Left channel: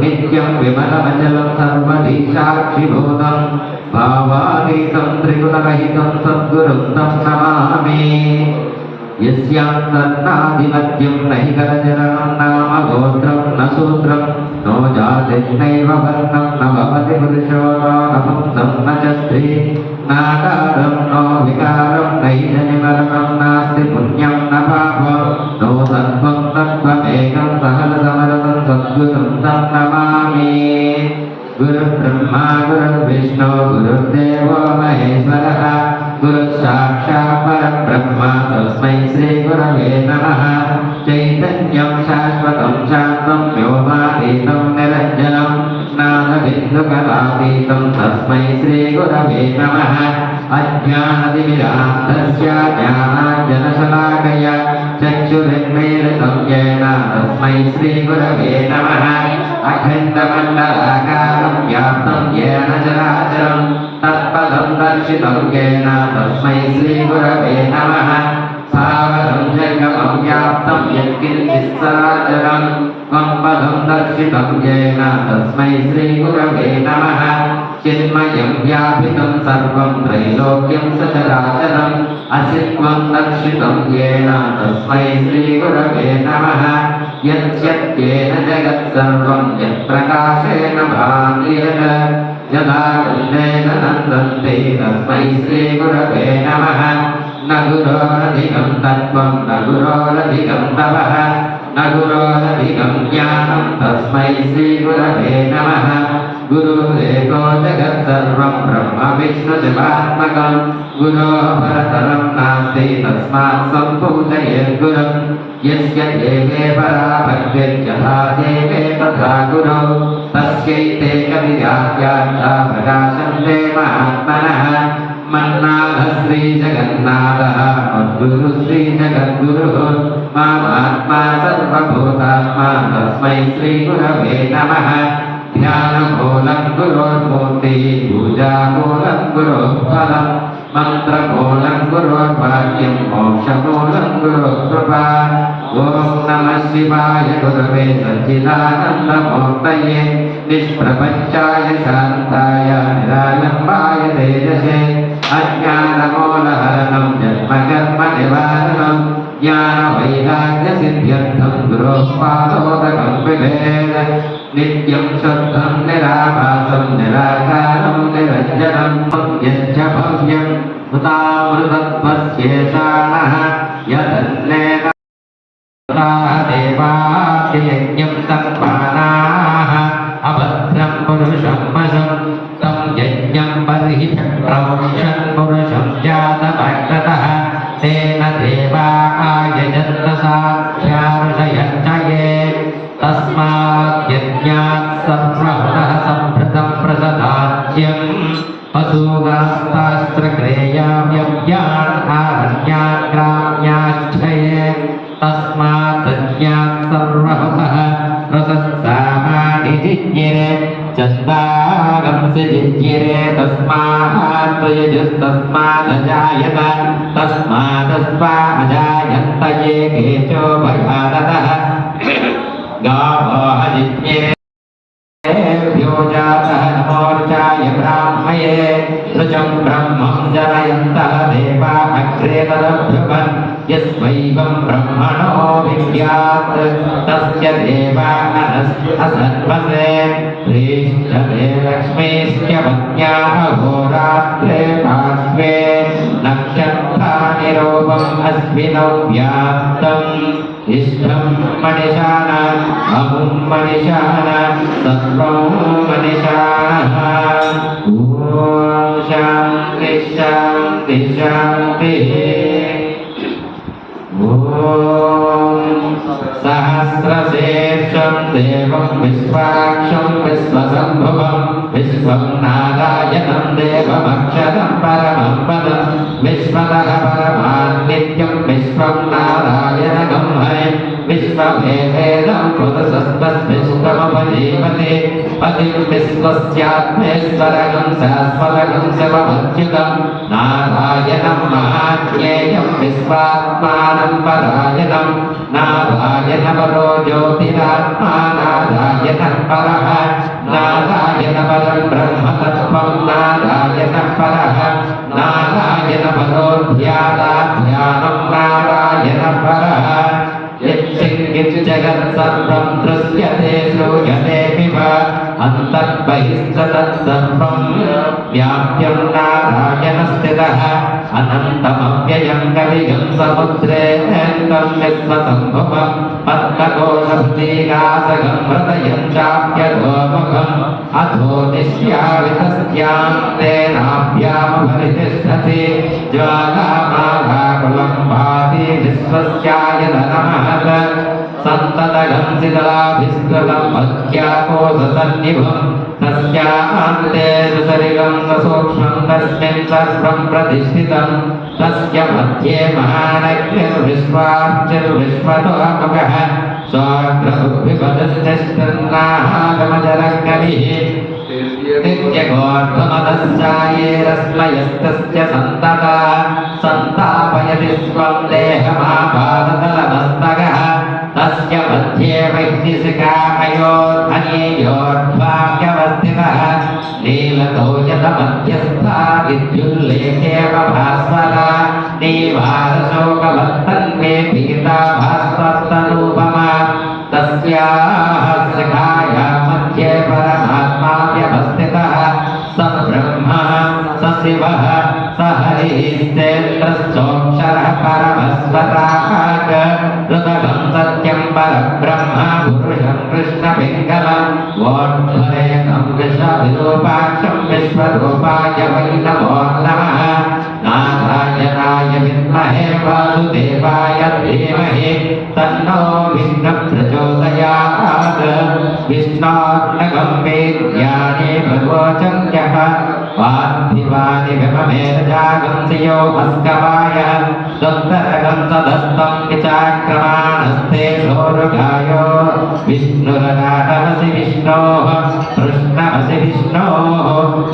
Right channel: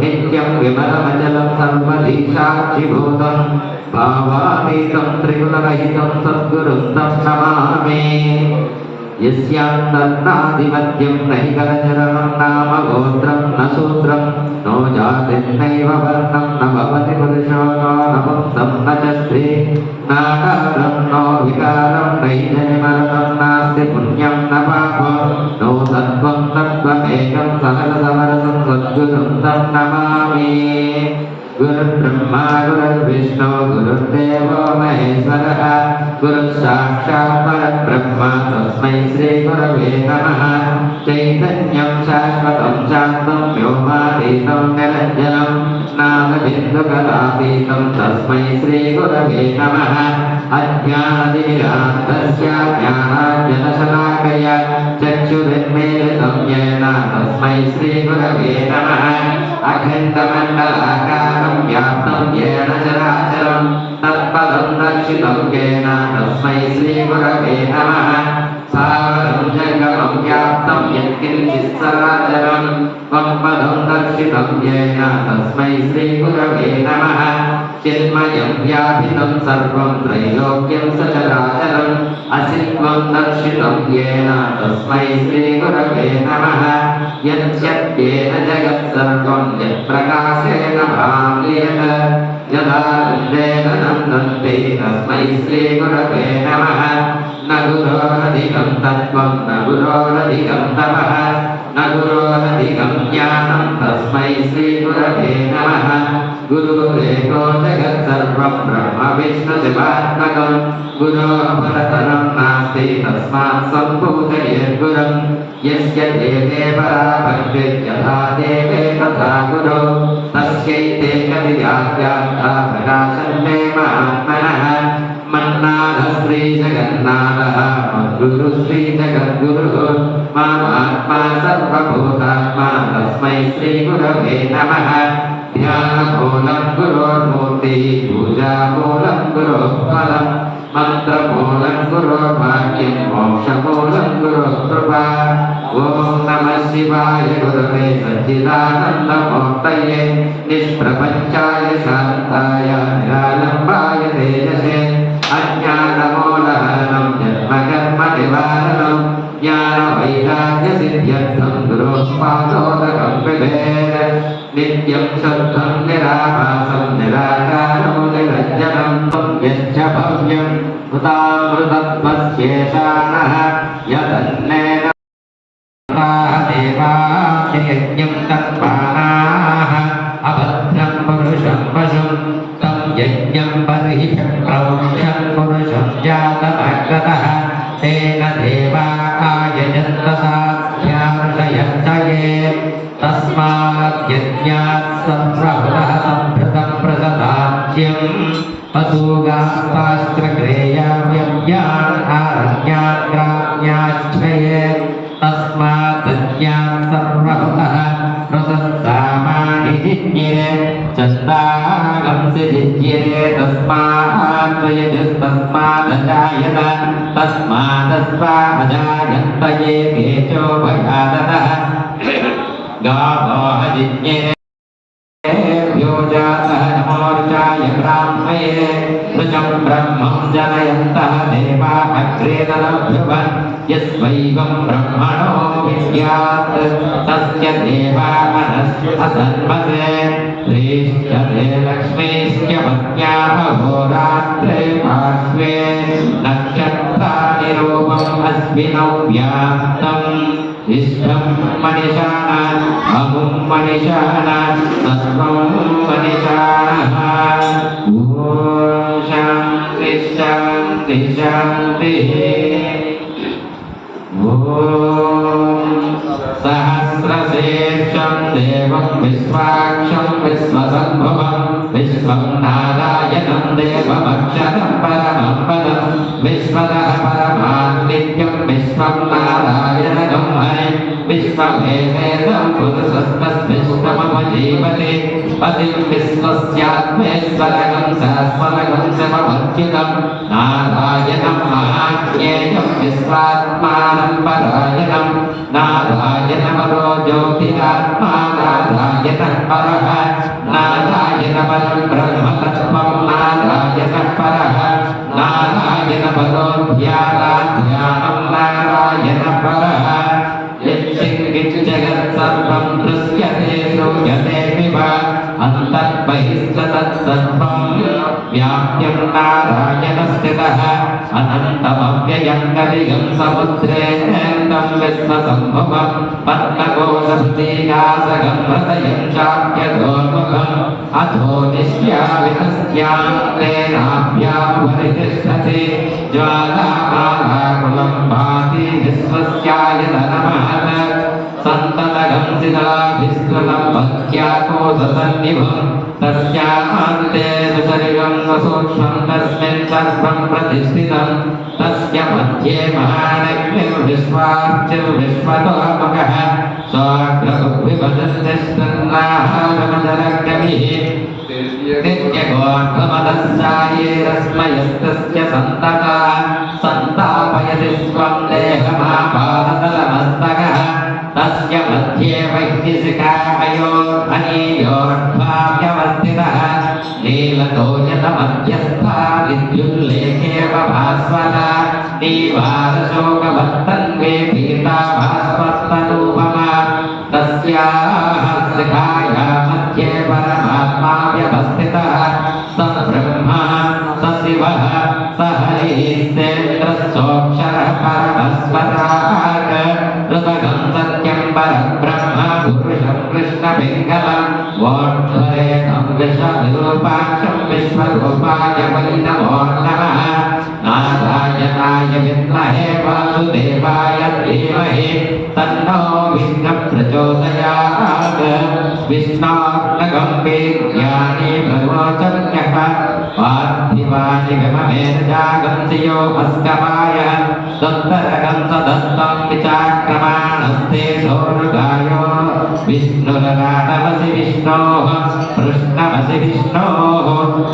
नित्यं विमलमचलं सर्वधीशाक्षिभूतं भावातीतं त्रिगुणरहितं सद्गुरुं तं नमामि। यस्यान्तर्नादिमध्यं न हि करजनं नाम गोत्रं न सूत्रं नो जातिर्नैव वर्णं न भवति पुरुषो नो नपुंसं न च स्त्री नाकारं नो विकारं नैजनिमरणं नास्ति पुण्यं न पापं नो सत्त्वं तत्त्वमेकं सकलसमरसं सद्गुरुं तं नमामि। गुरुर्ब्रह्मा गुरुर्विष्णु गुरुर्देवो महेश्वरः गुरुसाक्षात् परब्रह्म तस्मै श्रीगुरवे नमः। चैतन्यं शाश्वतं शान्तं व्योमातीतं निरञ्जनं नादबिन्दुकलातीतं तस्मै श्रीगुरवे नमः। अज्ञानतिमिरान्धस्य ज्ञानाञ्जनशलाकया चक्षुरुन्मीलितं येन तस्मै श्रीगुरवे नमः। अखण्डमण्डलाकारं व्याप्तं येन चराचरं तत्पदं दर्शितं येन तस्मै श्रीगुरवे नमः। सागरं जगतं व्याप्तं यत्किञ्चित् सराचरं त्वं पदं दर्शितं येन तस्मै श्रीगुरवे नमः। चिन्मयं व्यापितं सर्वं त्रैलोक्यं सचराचरम् असित्वं दर्शितं येन तस्मै श्रीगुरवे नमः। यद्यत्येन जगत्सर्वं यत्प्रकाशेन भान्येन यदा गन्धेन नन्दन्ते तस्मै श्रीगुरवे नमः। न गुरोरधिकं तत्त्वं न गुरोरधिकं तपः न गुरोरधिकं ज्ञानं तस्मै श्रीगुरवे नमः। गुरुरेको जगत्सर्वं ब्रह्म विष्णुशिवात्मकं गुरोः परतरं नास्ति तस्मात् सम्पूजयेद्गुरुं। यस्य देवे परा भक्तिर्यथा देवे तथा गुरौ तस्यैते कविराख्याता प्रकाशन्ते महात्मनः। मन्नाथः श्रीजगन्नाथः मद्गुरुः श्रीजगद्गुरुः मामात्मा सर्वभूतात्मा तस्मै श्रीगुरवे नमः। ध्यानमूलं गुरोर्मूर्तिः पूजामूलं गुरोः फलं मन्त्रमूलं गुरोर्वाक्यं मोक्षमूलं गुरोः कृपा। ॐ नमः शिवाय गुरवे सच्चिदानन्दमूर्तये निष्प्रपञ्चाय शान्ताय निरालम्बाय तेजसे अज्ञानमूलहरणं जन्मकर्मनिवारणं ज्ञानवैराग्यसिद्ध्यर्थं गुरोः पादोदकं पिबेत्। नित्यं शुद्धं निराभासं निराकारं निरञ्जनं यच्च भव्यं हुतामृतत्वस्येषाणः यदन्नेव देवायज्ञं तत्त्वानाः अभद्रं पुरुषं वशं तं यज्ञं बर्हि प्रौष्यन् पुरुषं जातमग्रतः तेन देवा आयजन्त साध्यार्षयश्च ये तस्मात् यज्ञात् सम्प्रभुतः सम्भृतं प्रसदाज्यं वसूगास्तास्त्रक्रेयाव्यव्यान् आरण्यान् ग्राम्याश्चये तस्मात् यज्ञात् सम्प्रभुतः प्रसस्तामानि जिज्ञिरे चन्दागंसि जिज्ञिरे तस्मात् यजुस्तस्मादजायत तस्मादस्वाजायन्त ये केचोपघाततः गावो जिज्ञेभ्यो जातः नमोर्चाय ब्राह्मये ऋचं ब्रह्मं जनयन्तः देवा अग्रे तदभ्युपन् यस्वैवं ब्रह्मणो विद्यात् तस्य देवा असन्वसे श्रीश्चते लक्ष्मीश्च मत्याः होरात्रे पार्श्वे नक्षत्राणि रूपम् अस्मिनौ व्याप्तम् इष्टं मनिषाणाम् अमुं मनिषाणाम् सर्वं मनिषाणः। ॐ शान्ति शान्ति शान्तिः। ॐ सहस्रशीर्षं देवं विश्वाक्षं विश्वसम्भुवं विश्वं नारायणं देवमक्षरं परमं पदं विश्वतः परमान्नित्यं विश्वं नारायणगं हरिं विश्वभेदेदं पुरुषस्तस्मिष्टमपजीवते पतिं विश्वस्यात्मेश्वरगं सहस्रगं शिवमच्युतं नारायणं महाज्ञेयं विश्वात्मानं परायणं नारायणपरो ज्योतिरात्मा नारायणः परः नारायण परं ब्रह्म तत्त्वं नारायण परः नारायण परो ध्यानं नारायण परः यच्चित् जगत्सर्वं दृश्यते श्रूयते विवा अन्तर्बहिश्च तत्सर्वं व्याप्तं नारायण स्थितः अनन्तमव्ययं कलिगं समुद्रेऽनन्तं विश्वसम्भवं पद्मकोशभुतिनाशकं हृदयं चाप्यगोमुखम् अधो निश्यावितस्यान्तेनाभ्यां परितिष्ठति ज्वालामालाकुलं भाति विश्वस्यायतनमहत् सन्ततगं शिलाभिस्तृतं पद्याकोशसन्निभं तस्यान्ते सुशरीरं सूक्ष्मं तस्मिन् सर्वं प्रतिष्ठितं तस्य मध्ये महानग्निर्विश्वार्चिर्विश्वतोमुखः स्वाग्रहुभिपदश्चन्द्राहागमजरग्नभिः नित्यगोर्धमदश्चायेरस्मयस्तस्य सन्तता सन्तापयति स्वं देहमापादतलमस्तकः तस्य मध्ये वैद्यसिकामयोर्धनीयोर्ध्वाप्यवस्थितः नीलतोजतमध्यस्था विद्युल्लेखेव भास्वता दीवारशोकवत्तन्वे पीता भास्वत्तरूपमा तस्याः शिखाया मध्ये परमात्मा व्यवस्थितः स ब्रह्मा स शिवः स हरिस्तेन्द्रश्चोक्षरः परमस्वतात् ऋतगं सत्यं परब्रह्म पुरुषं कृष्णपिङ्गलं वोद्धरेणं विश्वविरूपाक्षं विश्वरूपाय वै नमो नमः नारायणाय विद्महे वासुदेवाय धीमहि तन्नो विष्णुः प्रचोदयात् विष्णोर्नगं वीर्याणि भगवचं यः पार्थिवानि विममेर्जागं सियो भस्कवाय सुन्दरगं सदस्तं विचाक्रमाणस्ते दोरुगायो विष्णुरगाटमसि विष्णोः कृष्णमसि विष्णोः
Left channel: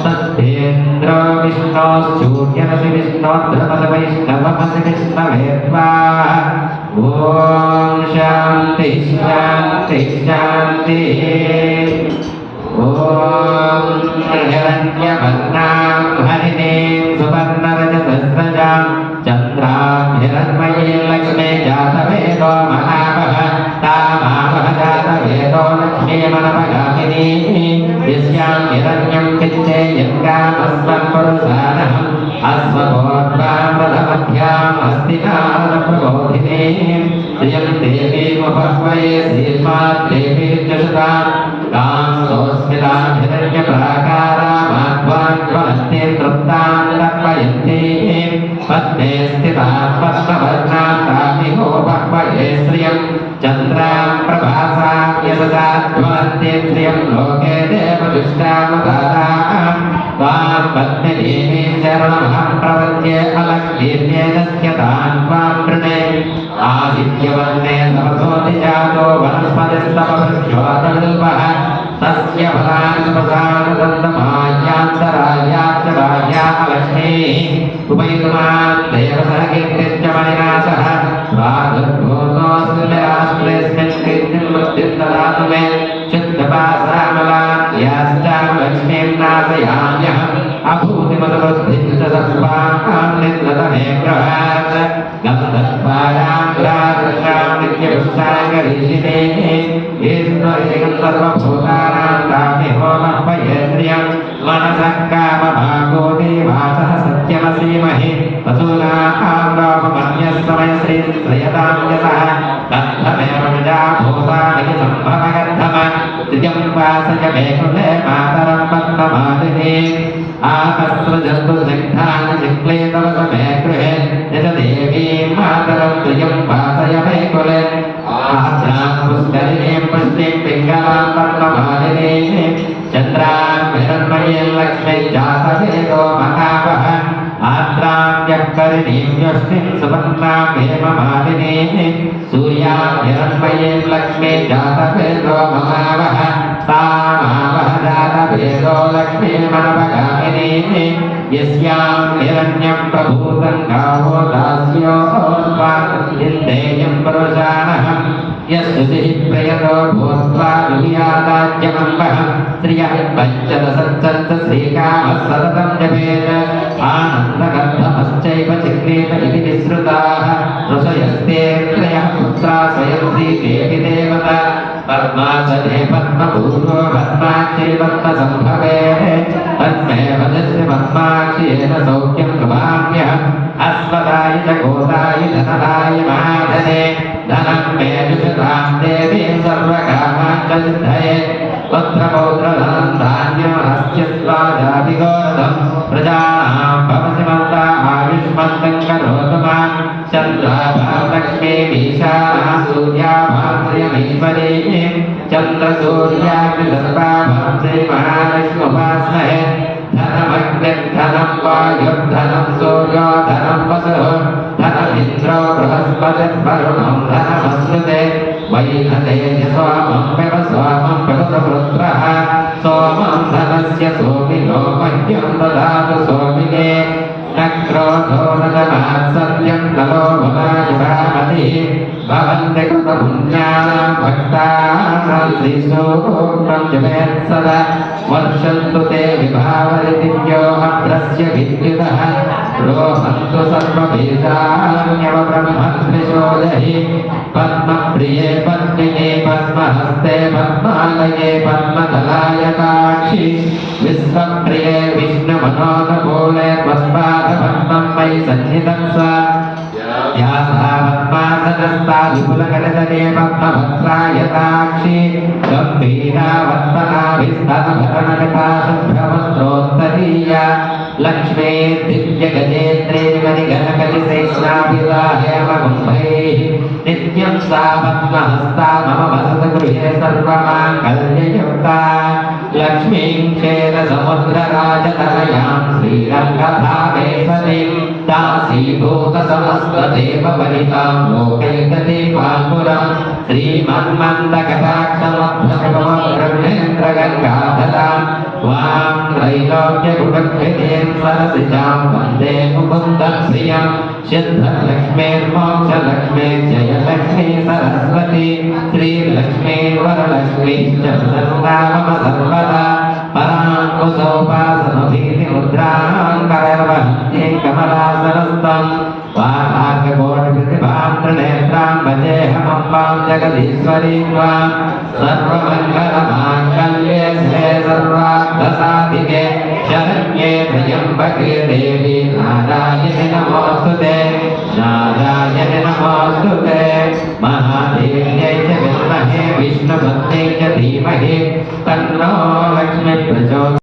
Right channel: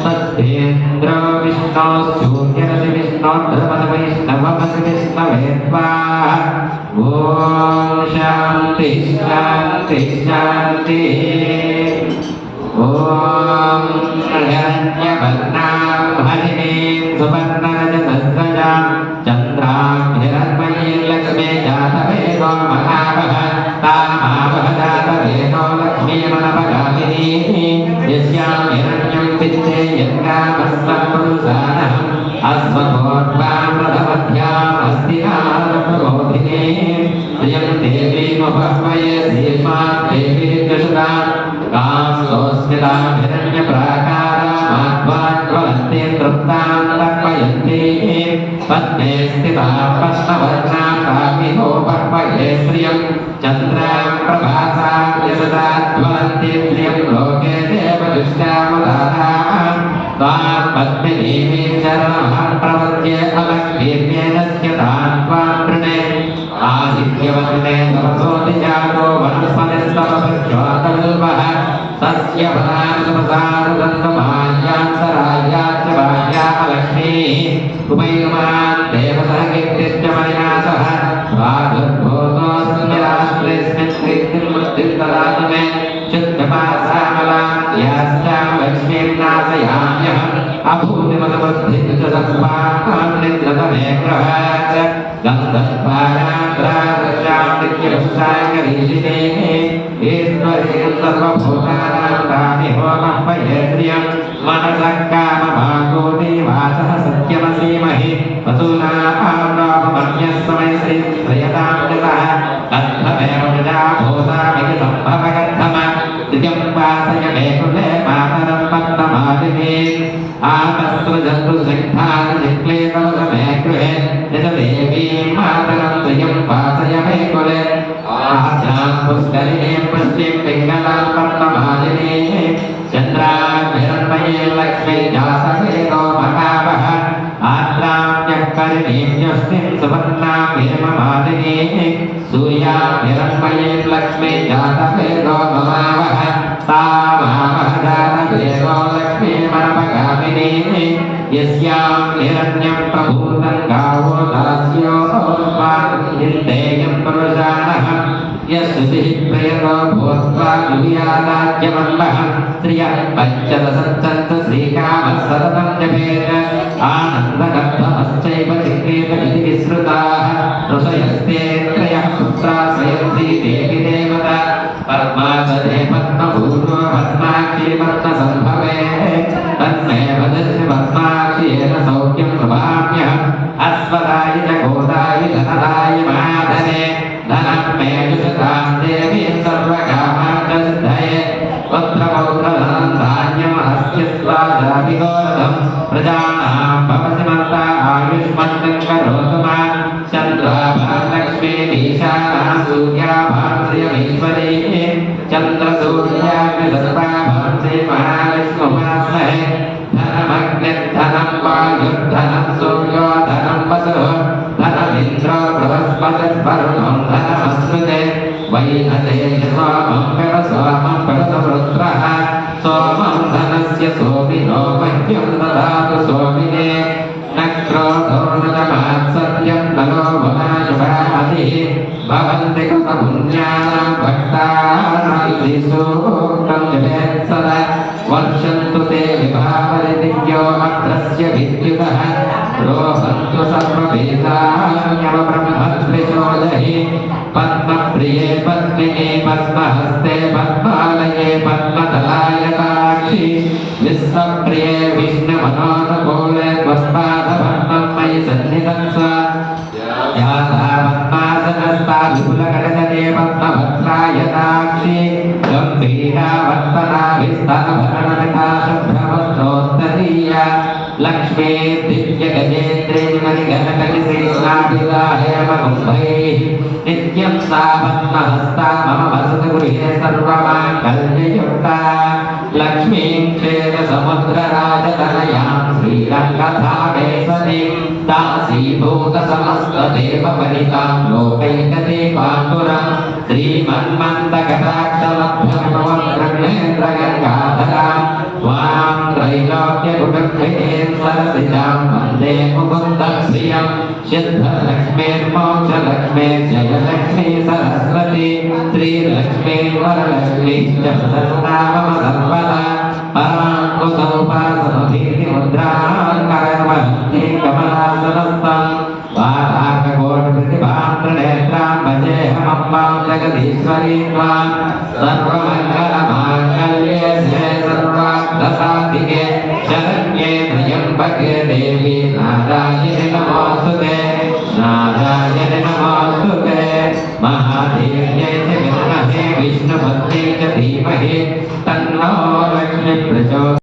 सत्येन्द्रो विष्णोश्चूर्यमसि विष्णोर्ध्रुवसि वैष्णवमसि विष्णवे स्वाहा ॐ शान्ति शान्ति शान्तिः ॐ हिरण्यवर्णां हरिणीं सुवर्णरजतस्रजां चन्द्रां हिरण्मयीं लक्ष्मी जातवेदो महावः तामावः जातवेदो लक्ष्मीमनपगामिनी यस्यां हिरण्यं विद्येयं कामस्वपुरुषाणः अश्वतोर्वामृतमध्याम् अस्ति नारदप्रबोधिनी श्रियं देवीमुपह्वये श्रीमान् देवी दुषरा तां सोऽस्मितां हिरण्यप्राकारामाध्वान् ज्वलन्तीं तृप्तां तर्पयन्ती पद्मे स्थितां पद्मवर्णां तामिहोपह्वये श्रियं चन्द्रां प्रभासां यशसा ज्वलन्तीं श्रियं लोके देवदुष्टामुदारां त्वां पद्मिनीं शरणमहं प्रपद्ये अलक्ष्मीर्येदस्य तान् त्वां वृणे आदित्यवन्ने समसोऽति जातो वनस्पतिस्तवभृक्षोतल्पः तस्य फलानुप्रसाददन्तमायान्तरायाच्च भार्या लक्ष्मीः उभैर्मान् देवसहकीर्तिश्च मयनाशः स्वादुर्भूतोऽस्मिन् राष्ट्रेऽस्मिन् कीर्तिं वृद्धिं ददातु मे शुद्धपासामलाद्याश्चां लक्ष्मीं नाशयाम्यहम् अभूतिमदवृद्धिं च सत्त्वां निद्रतमे प्रभात् गन्धर्वायान्द्रादृशां नित्यपुष्टाङ्गरीषिणेः ईश्वरीं सर्वभूतानां तामिहोमह्वये श्रियं मनसः कामभागोति वाचः सत्यमसीमहि वसूनां लोकमन्यस्समयसि श्रयतां यतः तद्धमेव प्रजाभूतामहि सम्भवयर्थम श्रियं वासय मे कुले मातरं पद्ममालिनीम् आपस्तुजन्तु सिद्धान् जिह्लेतवसमे गृहे यजदेवीं मातरं श्रियं वासय मे कुले आद्यां पुष्करिणीं पुष्टिं पिङ्गलां पद्ममालिनीः चन्द्रां हिरण्मयीं लक्ष्मीं जातवेदो महावः आद्रां यःकरिणीं यष्टिं सुवर्णां हेममालिनीः सूर्यां हिरण्मयीं लक्ष्मीं जातवेदो महावः तामावः जातवेदो लक्ष्मीमनपगामिनीः यस्यां हिरण्यं प्रभूतं गावो दास्यो इन्देयं पुरुषाणः यस्तुतिः प्रयतो भूत्वा दुर्यादाज्यमम्बः श्रियः पञ्चदशञ्चन्त श्रीकामः सततं जपेत् आनन्दगर्भमश्चैव चिक्रीत इति विश्रुताः ऋषयस्ते त्रयः पुत्रा स्वयंसी देवी देवता पद्मासने पद्मपूर्वो पद्माक्षी पद्मसम्भवे तन्मे वदस्य पद्माक्षीयेन सौख्यं प्रभाम्यहम् अस्मदाय च गोदाय धनदाय महाधने धनं मे दुषतां देवी सर्वकामान् च सिद्धये पुत्रपौत्रधनं धान्यम् अस्य स्वादाभिगोरधं प्रजानां भवसि मन्तामायुष्मन्तं करोतु मां चन्द्राभालक्ष्मी मीशानां सूर्याभां श्रियमीश्वरे चन्द्रसूर्याग्निदत्ताभां श्रीमहालक्ष्म्युपास्महे धनमग्निर्धनं वायुर्धनं सूर्यो धनं वसुः धनमिन्द्रो बृहस्पतिर्वरुणं धनमश्नुते वैनतेन सोमं व्यवसोमं प्रभुवृत्रः सोमं धनस्य सोमिनो मह्यं ददातु सोमिने न क्रोधो न च मात्सर्यं न लोभमायुरामतिः भवन्ति कृतपुण्यानां भक्तानां श्रीसूक्तं जपेत् सदा वर्षन्तु ते विभावरिदिव्यो अत्रस्य विद्युतः रोहन्तु सर्ववेदान्यवब्रह्मत्रिशोदहि पद्मप्रिये पद्मिने पद्महस्ते पद्मालये पद्मदलायताक्षि विश्वप्रिये विष्णुमनोनुकूले त्वत्पादपद्मं मयि सन्निधं सा यासा पद्मासनस्ता विपुलकटजने पद्मभद्रायताक्षि गम्भीरा वर्तनाभिस्तनभरणिता शुभ्रवस्त्रोत्तरीया लक्ष्मी दिव्यगजेन्द्रे मणिघनकलिशेषाभिवाहयमकुम्भैः नित्यं सा पद्महस्ता मम वसतगृहे सर्वमाङ्गल्ययुक्ता लक्ष्मीं क्षेमसमुद्रराजतनयां श्रीरङ्गधामेश्वरीं दासीभूतसमस्तदेववनितां लोकैकदीपाङ्कुरं श्रीमन्मन्दकटाक्षमभ्यमोद्रव्येन्द्रगङ्गाधरां वां त्रैलोक्यकुटुम्बिनीं सरसिजां वन्दे मुकुन्दप्रियं सिद्धलक्ष्मीर्मोक्षलक्ष्मी जयलक्ष्मी सरस्वती श्रीलक्ष्मी वरलक्ष्मी च सन्नाम सर्वदा परां कुसौपासमभीतिमुद्रां करवहन्ये कमलासनस्थं वामार्गकोटिप्रतिभां त्रिनेत्रां भजेऽहमम्बां जगदीश्वरीं त्वां सर्वमङ्गलमाङ्गल्ये शिवे सर्वार्थसाधिके शरण्ये त्र्यम्बके देवी नारायणि नमोऽस्तुते नारायणि नमोऽस्तुते महादेव्यै च विद्महे विष्णुपत्न्यै च धीमहि तन्नो लक्ष्मी प्रचोदयात्।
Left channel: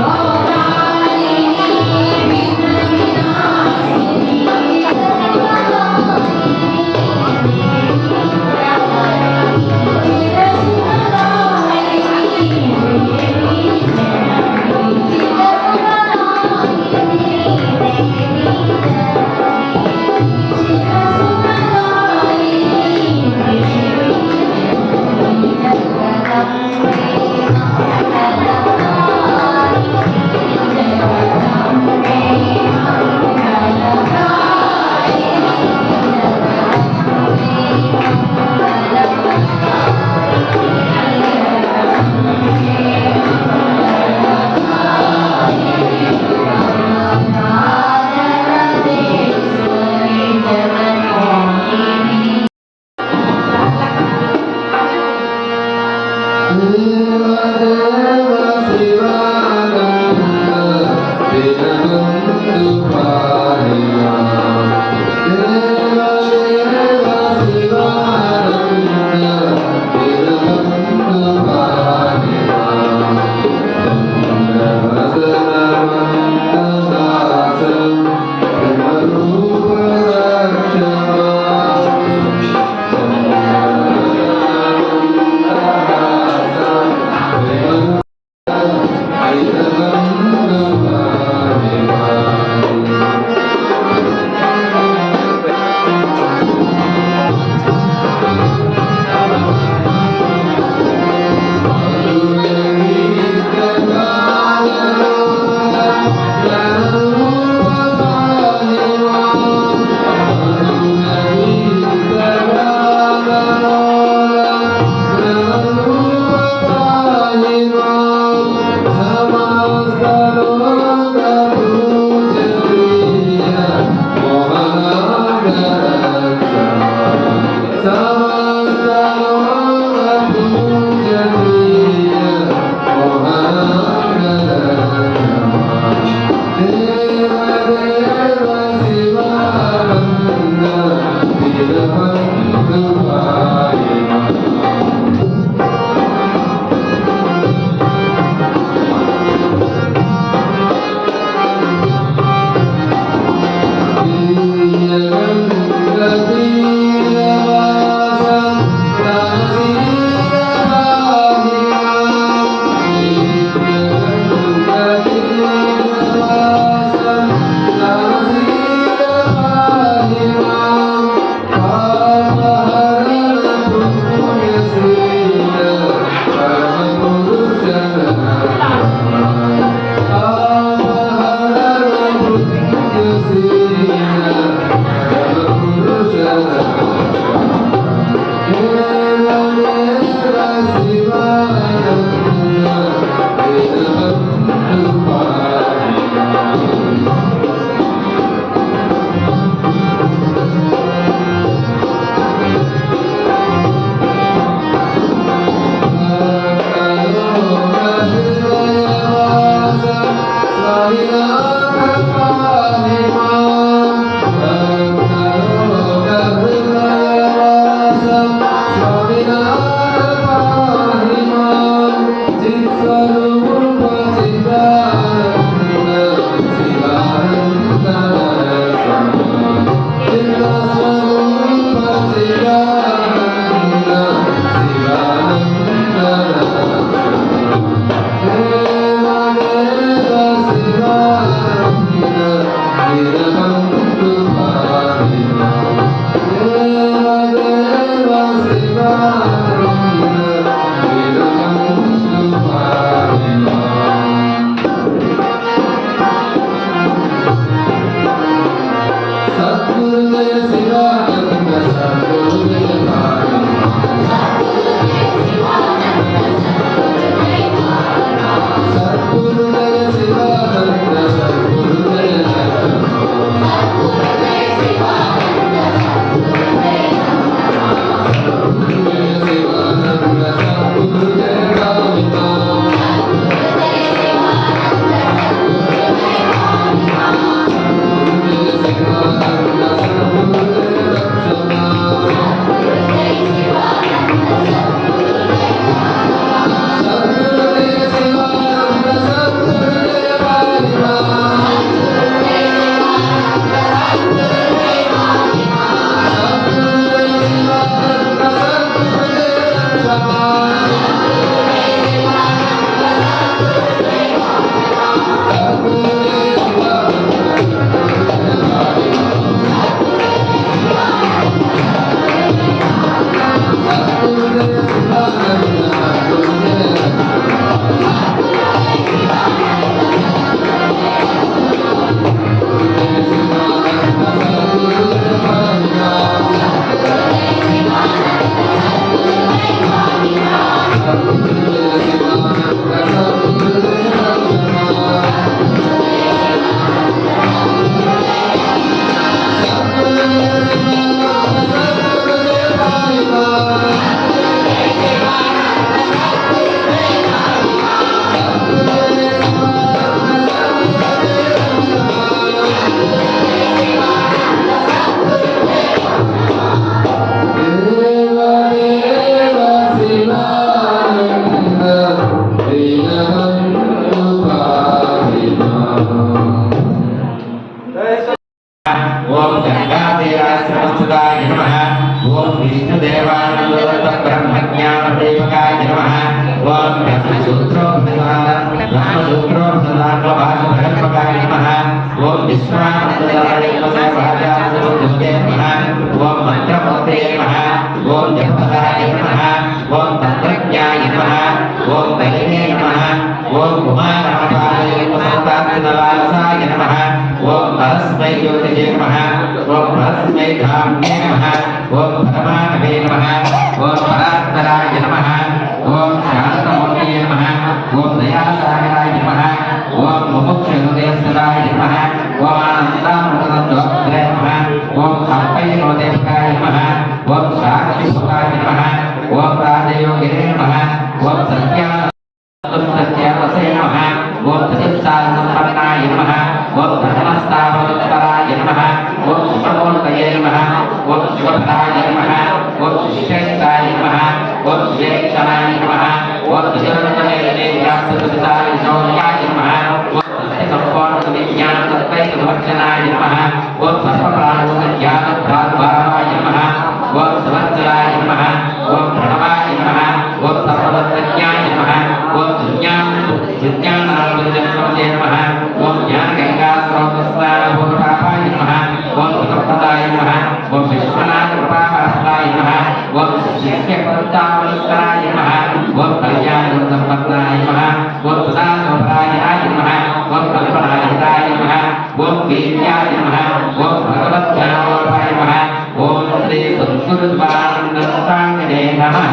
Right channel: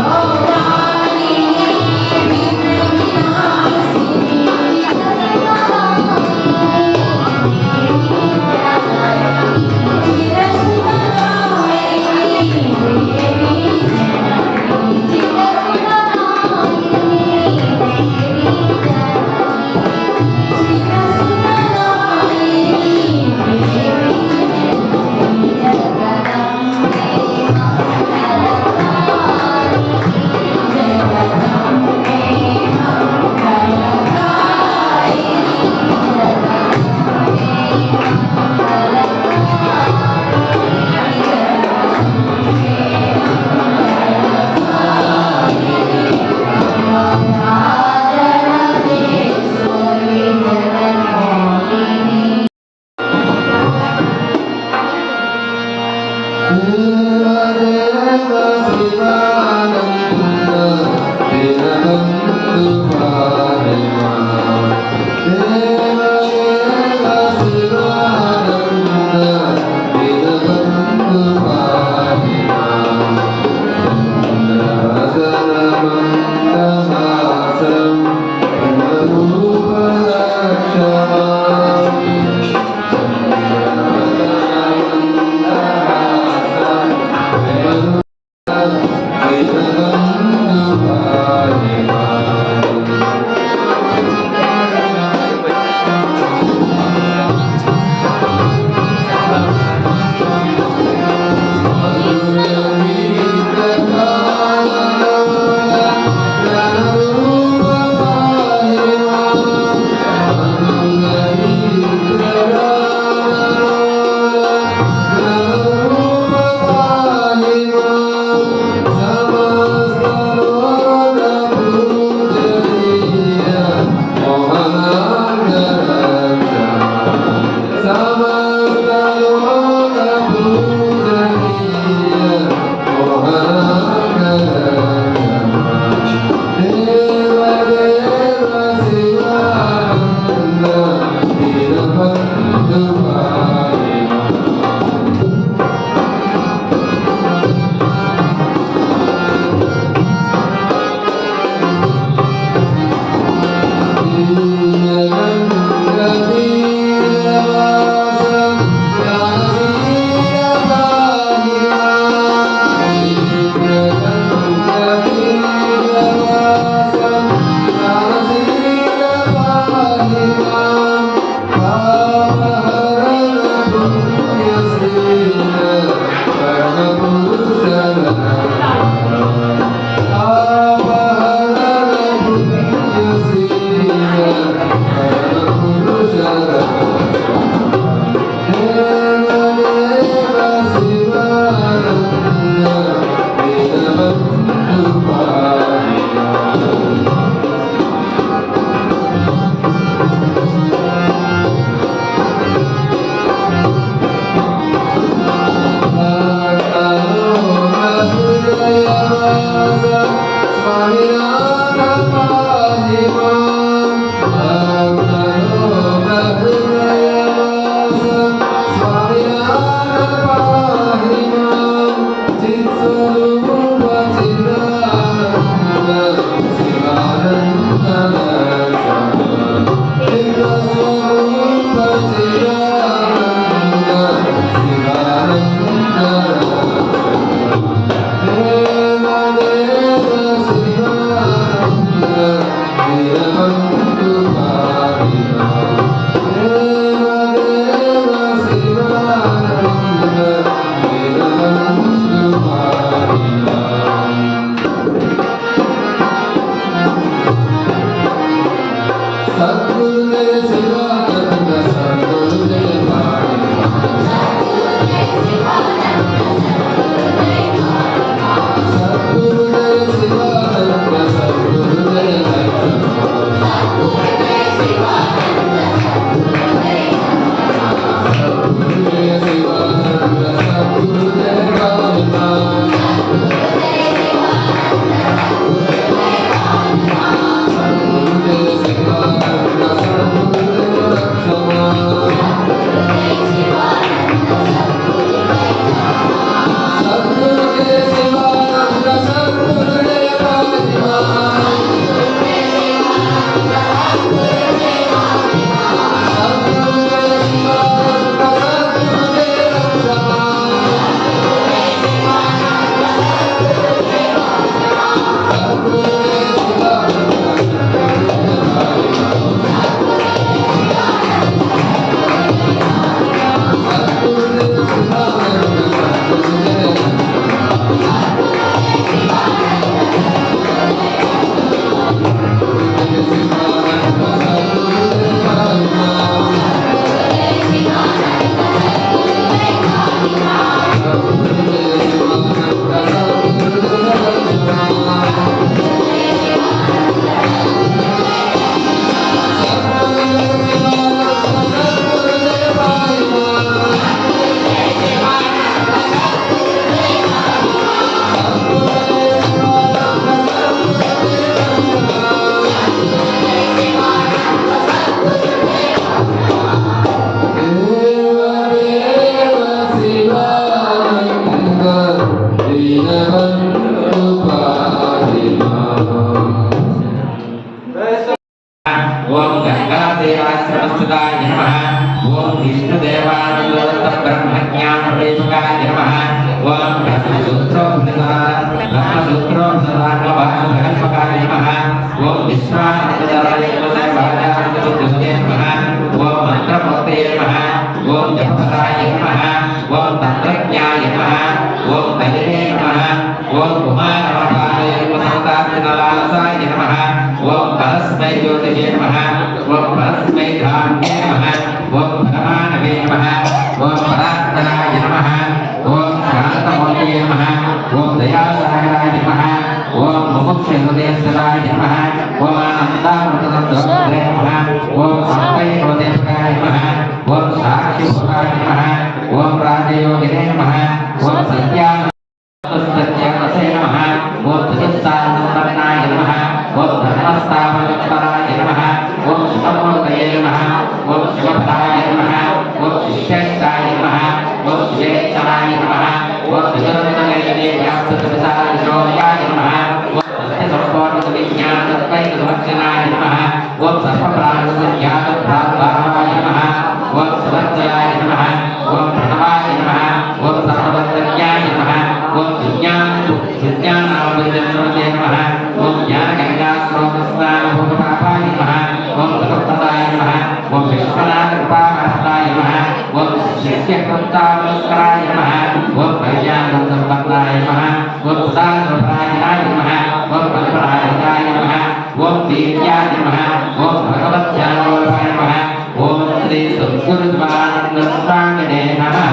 Oh संपन्नाय नमः ओम धर्मस्थापनपराय नमः ओम सुमूर्तये नमः ओम शिवफलाय नमः ओम शिष्येन्द्राय नमः ओम ज्येष्ठाय नमः ओम निरंजने व्याप्तपदाय शौर्याय नमः ओम सत्यसंपूर्णविज्ञानद्वैतवचनाय नमः ओम सर्वप्राणसंज्ञानभ्रातभावाय नमः ओम सवज्राय नमः ओम प्रणवाय नमः ओम सर्वतज्ञाय नमः ओम विज्ञानामृतजन्मते नमः ओम ज्ञानगंगास्रोतस्वाभूतपापाय नमः ओम भगवदाय नमः ओम विश्वनाथकृपाहस्ताय नमः ओम शिष्यपन्तामस्कराय नमः ओम कल्याणसम्पन्नाय नमः ओम सुधासुभरायणाय नमः ओम कल्पनाहिताय नमः ओम वीर्याय नमः ओम भगवद्ध्यानवल्लभाय नमः ओम श्री सद्गुरुपादस्वामिने नमः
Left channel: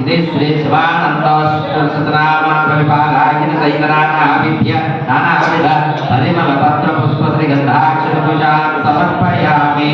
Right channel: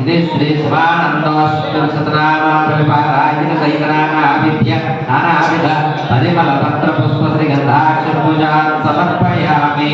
इति श्री शिवानन्दोऽष्टशतनामाविभागाय सैतनानाभिभ्य नानाविध परिमलपत्रपुष्पश्रीगन्धाक्षतपूजां समर्पयामि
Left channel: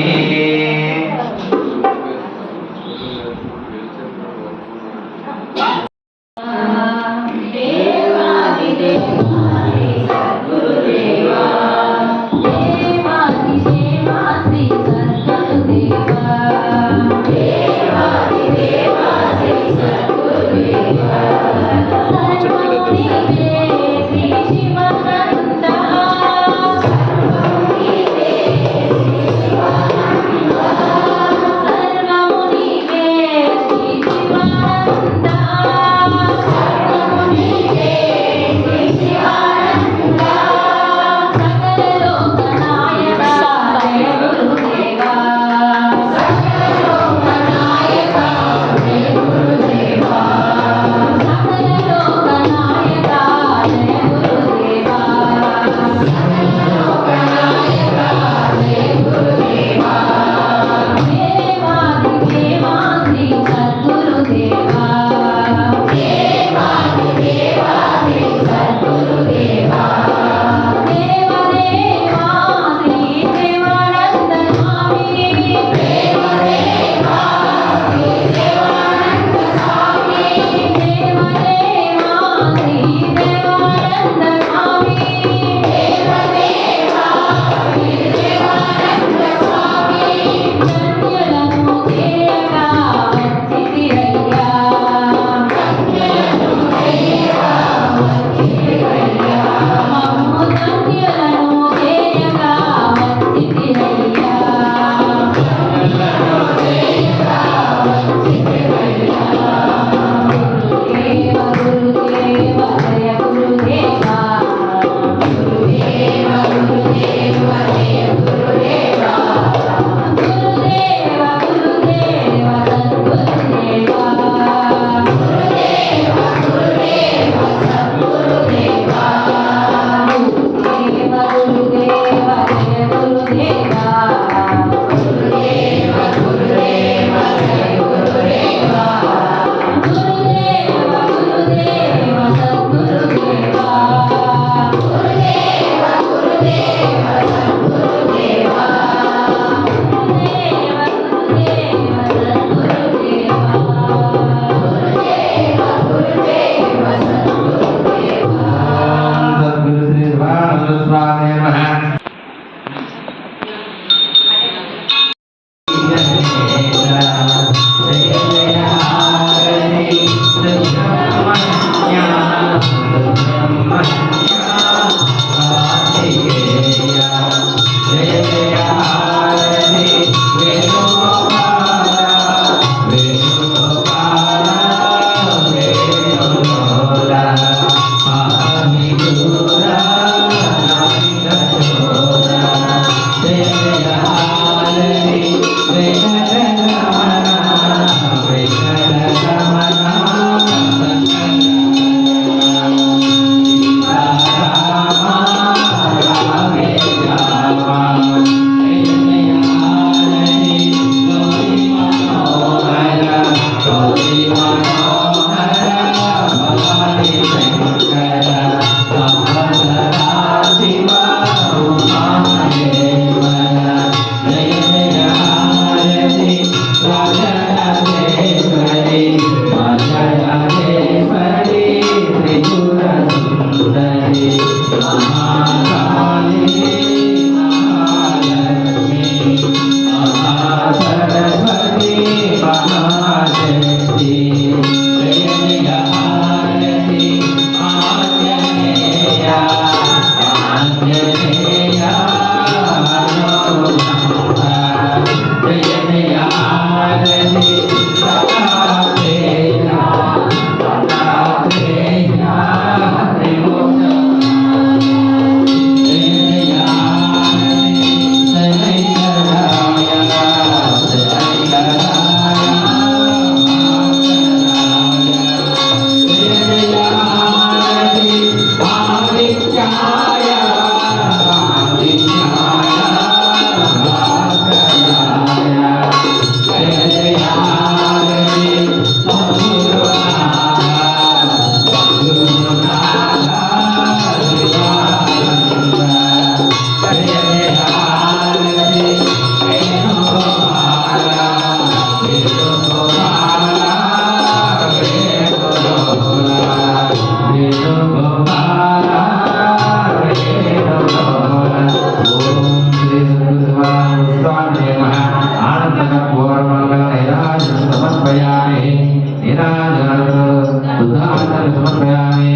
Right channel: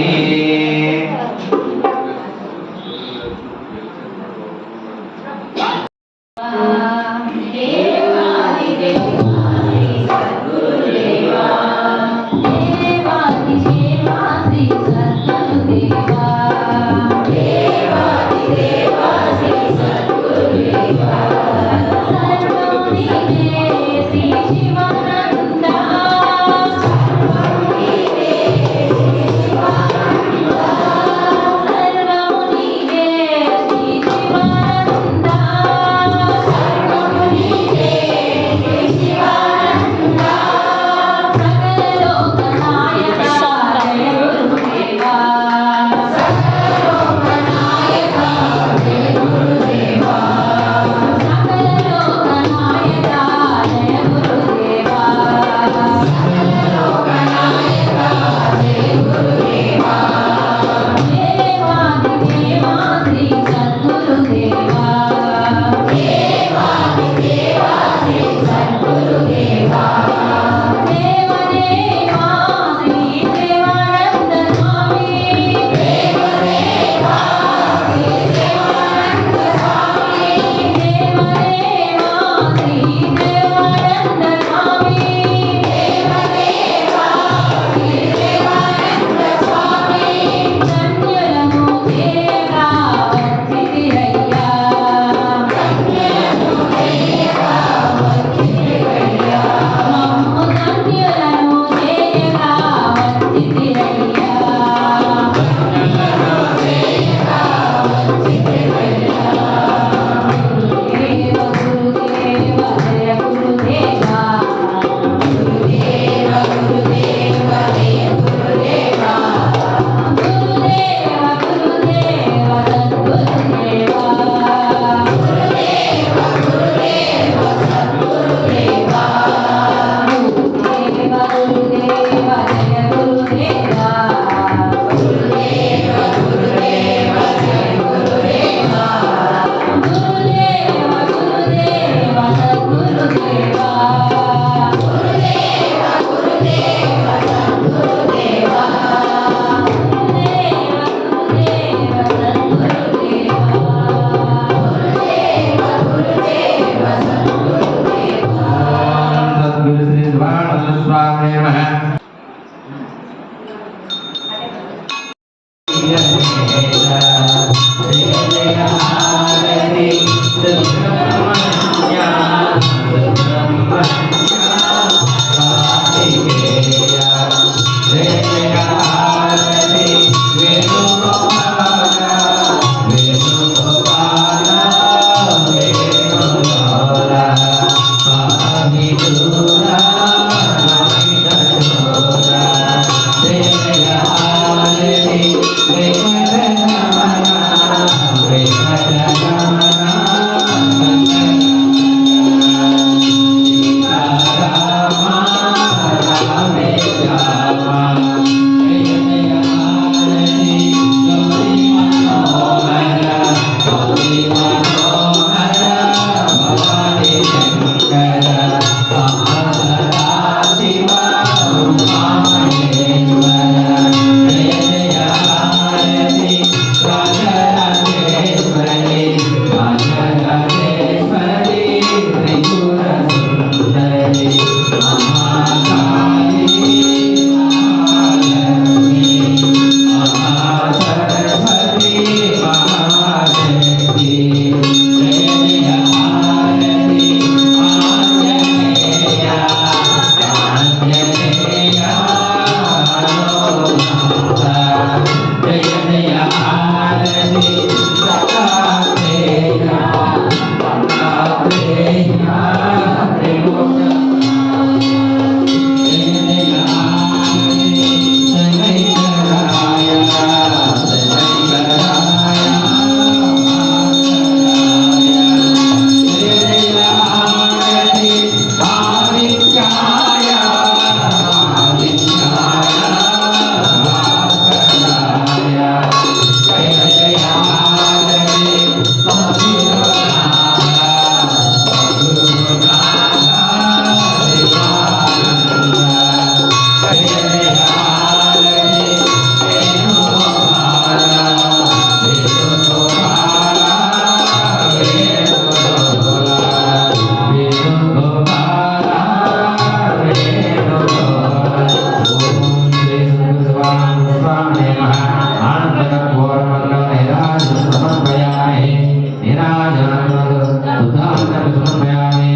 समर्पयामि।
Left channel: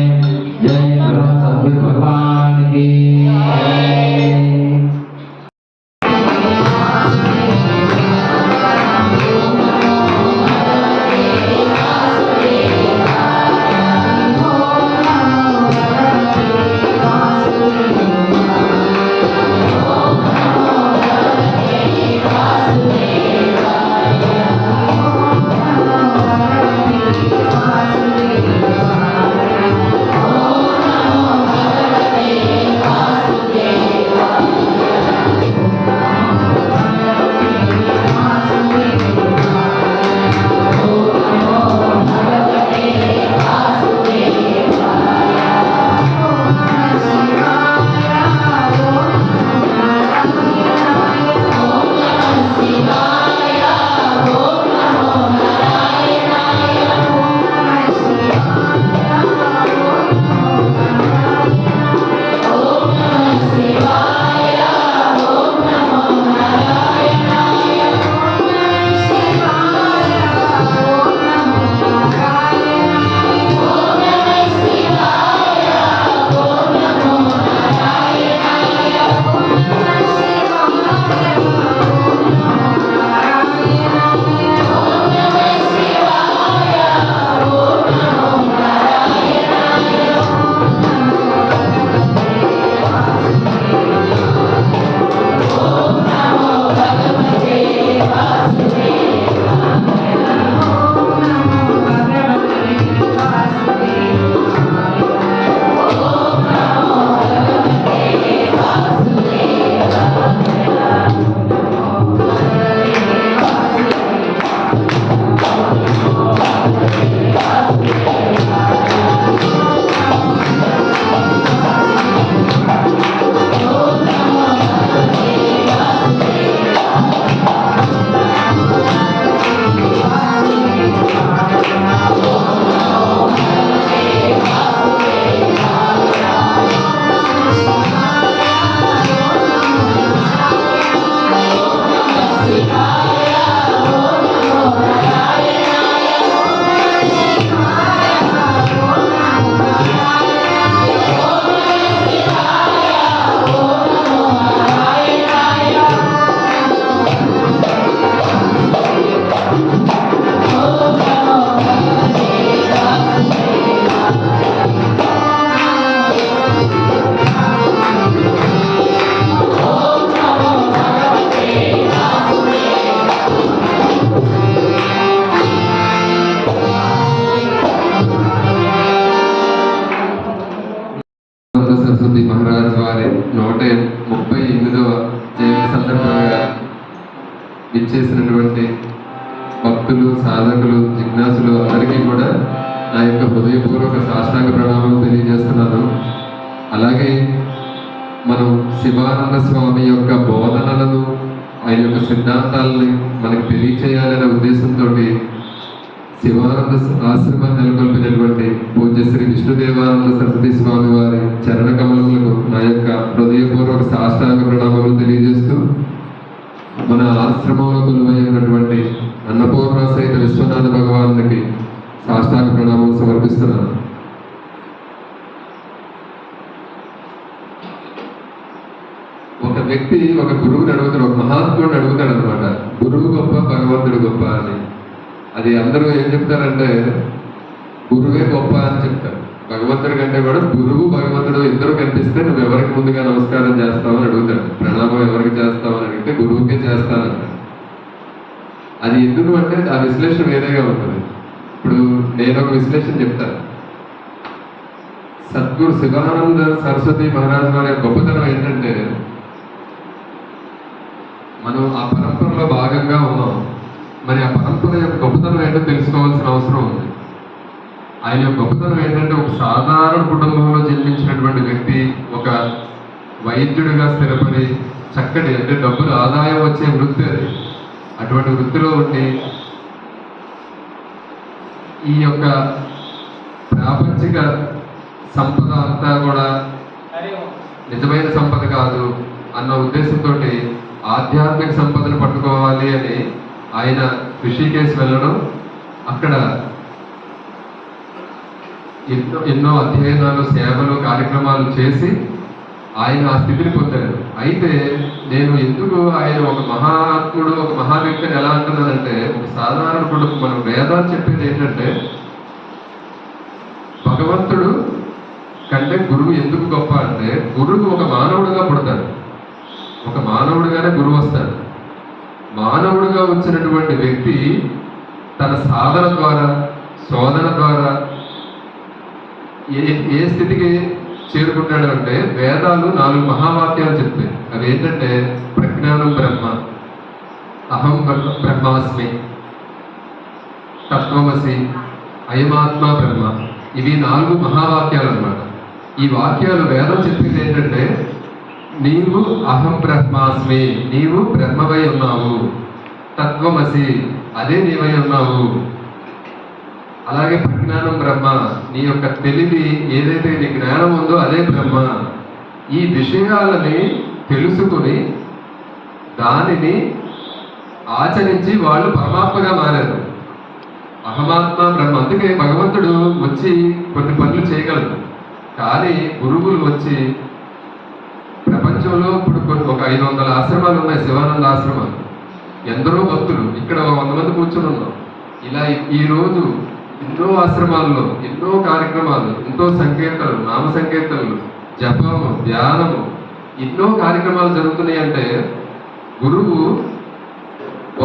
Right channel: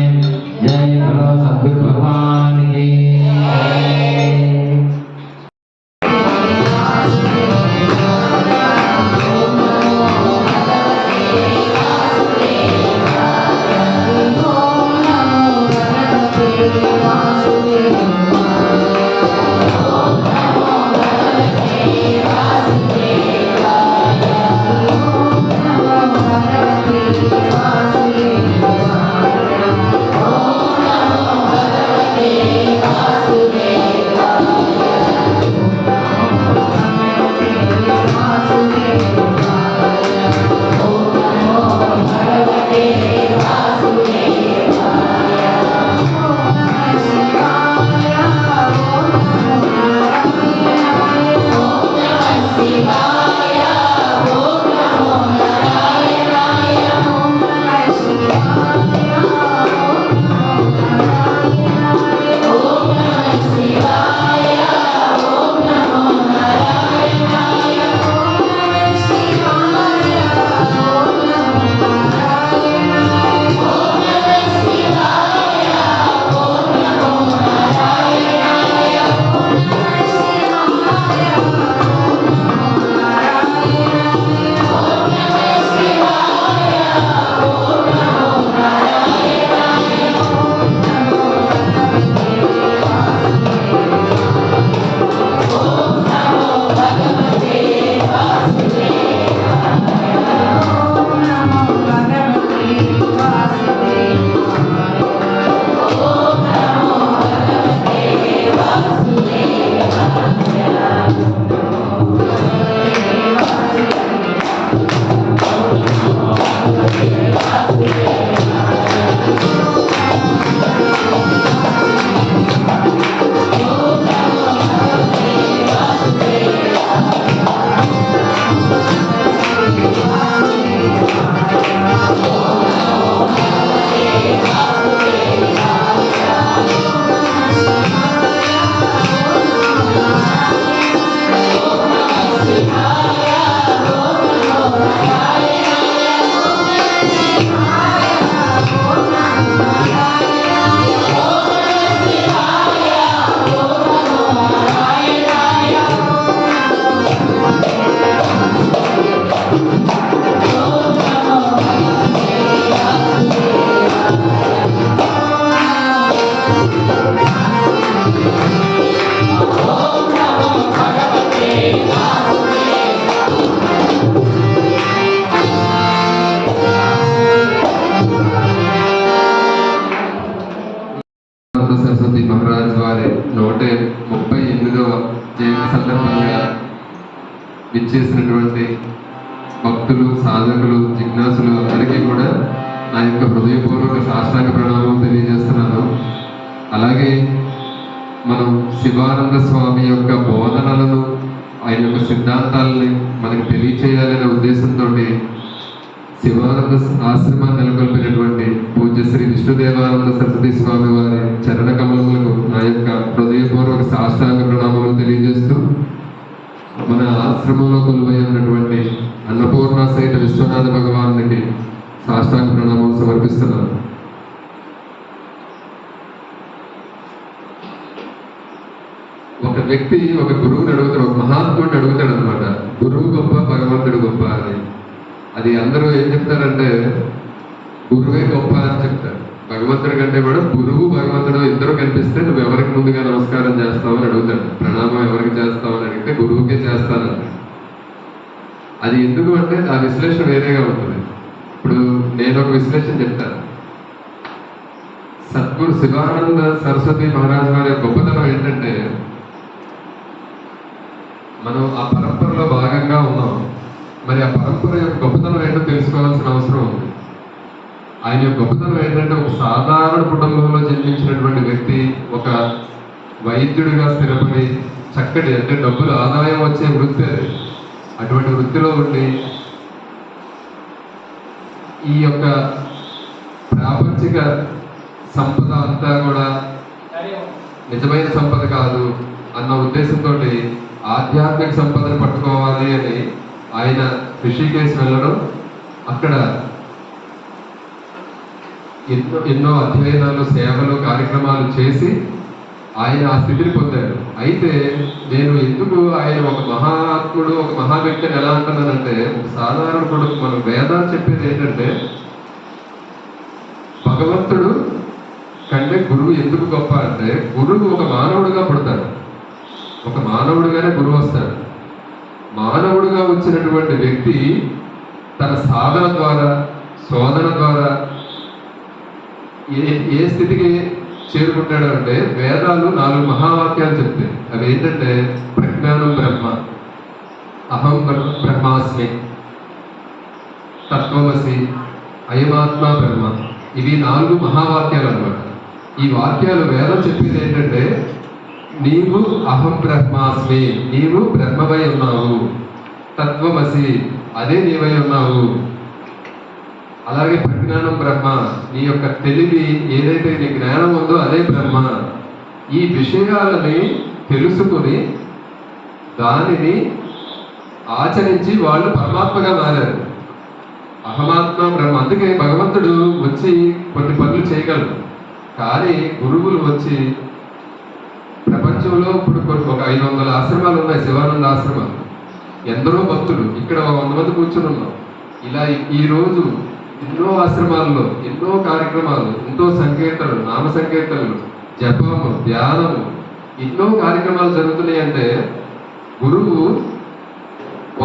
जय गुरु सद्गुरु भगवान की సరస్వతి మహారాజ్ వారి 138వ జయంతి సందర్భంగా విచ్చేసినటువంటి భక్తులు, సాధకులు, జిజ్ఞాసులు అందరికీ కూడా నా యొక్క హృదయపూర్వక సాష్టాంగ ప్రణామం తెలియజేస్తున్నాను. అలాగే మనం శివానంద స్వామి యొక్క బోధనలను, ఆయన యొక్క సిద్ధాంతాలని మనకు తెలియచేయాలనే ఉద్దేశంతో శివానంద ఆశ్రమాన్ని నెలకొల్పినటువంటి పూజ్య శ్రీ విష్ణుదేవానంద సరస్వతి స్వామి వారి చరణ కమలములకు నా యొక్క హృదయపూర్వక సాష్టాంగ ప్రణామములు తెలియజేస్తూ, మన ఆశ్రమంలో కొలువై ఉన్నటువంటి అన్నపూర్ణ సహిత విశ్వనాథ భగవానునికి సాష్టాంగ ప్రణామం సమర్పిస్తున్నాను. ఒక వ్యక్తి ఒక గురువుని అడుగుతాడు, ఒక మహాత్ముడిని అడుగుతాడు అనమాట, గురువు గొప్ప భగవంతుడు గొప్ప అని. అది అందరూ ఏం చెప్తారంటే గురువే గొప్ప అని చెప్తారు. భగవంతుడి కంటే కూడా గురువు భగవంతుడు ఇద్దరు కనిపిస్తే నువ్వు ఎవరికి ముందుగా నమస్కారం చేస్తావు అని అడుగుతాడు. ప్రణామం ఎవరికి చేస్తావు అని అడిగితే గురువుకే చేస్తాను. అది ఎందుకు అంటే ఆ విశ్లేషణ వేరేగా ఉంటుంది. ఇప్పుడు నేను ఒక విశ్లేషణ చెప్తాను. సద్గురు శివానంద సరస్వతి మహారాజ్ వారి గొప్పతనం ఏంటంటే, మనం ఆ పరంపరలో భాగంగా ఉన్నాం. మరి ఆ పరంపర యొక్క గొప్పతనం ఏంటో తెలుసుకోవాల్సిన అవసరం ఉంది. ఆయన యొక్క గొప్పతనం ఏంటంటే, ఒక సాధారణ కుటుంబంలో జన్మించినటువంటి వ్యక్తి ఒక వైద్యుడిగా స్థిరపడి చక్కటి, అంటే డబ్బులు ఆదాయం వచ్చే వృత్తి అది. అటువంటి వృత్తిలో ఉండి ఈ యొక్క ప్రాపంచిక సంపద అంతా కూడా నిజమైన సంపద కాదు అన్న ఉద్దేశంతో ఆధ్యాత్మిక సంపదను పట్టుకోవాలి అని ఆయన ఋషికేశ్ వెళ్ళడం, అక్కడ ఎన్నో అధ్యయనాలు, సేవలు, కార్యక్రమాలు చేసి ఆయన ఆ స్థితిని పొందారు. అయితే నేను ఎందుకు ఆయన ఒక మహాత్ముడు, ఒక మహా వ్యక్తిని ఎలా అంటున్నానంటే, ఒక సాధారణ కొడుకు మనం వేదాలు చెప్పేది ఏంటంటే, భగవంతుడు కంటే గురువు ఎందుకు గొప్ప అంటే, గురువు ఒక మానవుడుగా పుడతాడు, ఒక మానవుడుగానే గురువు వస్తాడు. మానవుడుగా వచ్చినటువంటి వ్యక్తి తన సాధన ద్వారా, శోధన ద్వారా ఏ స్థితికి చేరుకుంటాడు అంటే, వేదాలు 4 మహావాక్యాలు చెప్తాయి. అవి ఏంటంటే, ప్రజ్ఞానం బ్రహ్మ, అహం బ్రహ్మాస్మి, తత్వమసి, అయమాత్మ బ్రహ్మ. ఇవి 4 మహావాక్యాలు అన్నమాట. ఈ వాక్యాలు వేదం చెప్పేది ఏంటంటే, నీవు అహం బ్రహ్మాస్మి, నీవు బ్రహ్మవై ఉన్నావు. తత్వమసి, అదే నీవై ఉన్నావు. అలాగే ప్రజ్ఞానం బ్రహ్మ, నీ యొక్క తెలివి ఏదైతే నీ జ్ఞానం ఉందో అదే బ్రహ్మ. ఈ విషయాలని తెలుసుకుని దానిని ఆచరించి వాళ్ళు పరమాత్మగా మారారు. అహమాత్మ బ్రహ్మ. అందుకే భగవంతుడు వచ్చి కొన్ని పనులు చేయగలరు, కానీ గురువులు వచ్చి ప్రపంచంలో ఇప్పుడు ఒక 500 ఆశ్రమాలు ఉన్నాయి, శివానంద ఆశ్రమాలు. ఎందరో భక్తులు ఇక్కడ 100 మంది కూర్చుని ఉన్నాం. ఇలా ఈరోజు ఎన్నో ఆశ్రమాల్లో ఎన్నో కార్యక్రమాలు, ఎంతో సంకీర్తనలు, నామ సంకీర్తనలు, జపము, ధ్యానము, ఎన్నో కార్యక్రమాలు జరుగుతున్నాయి. అంటే గురువు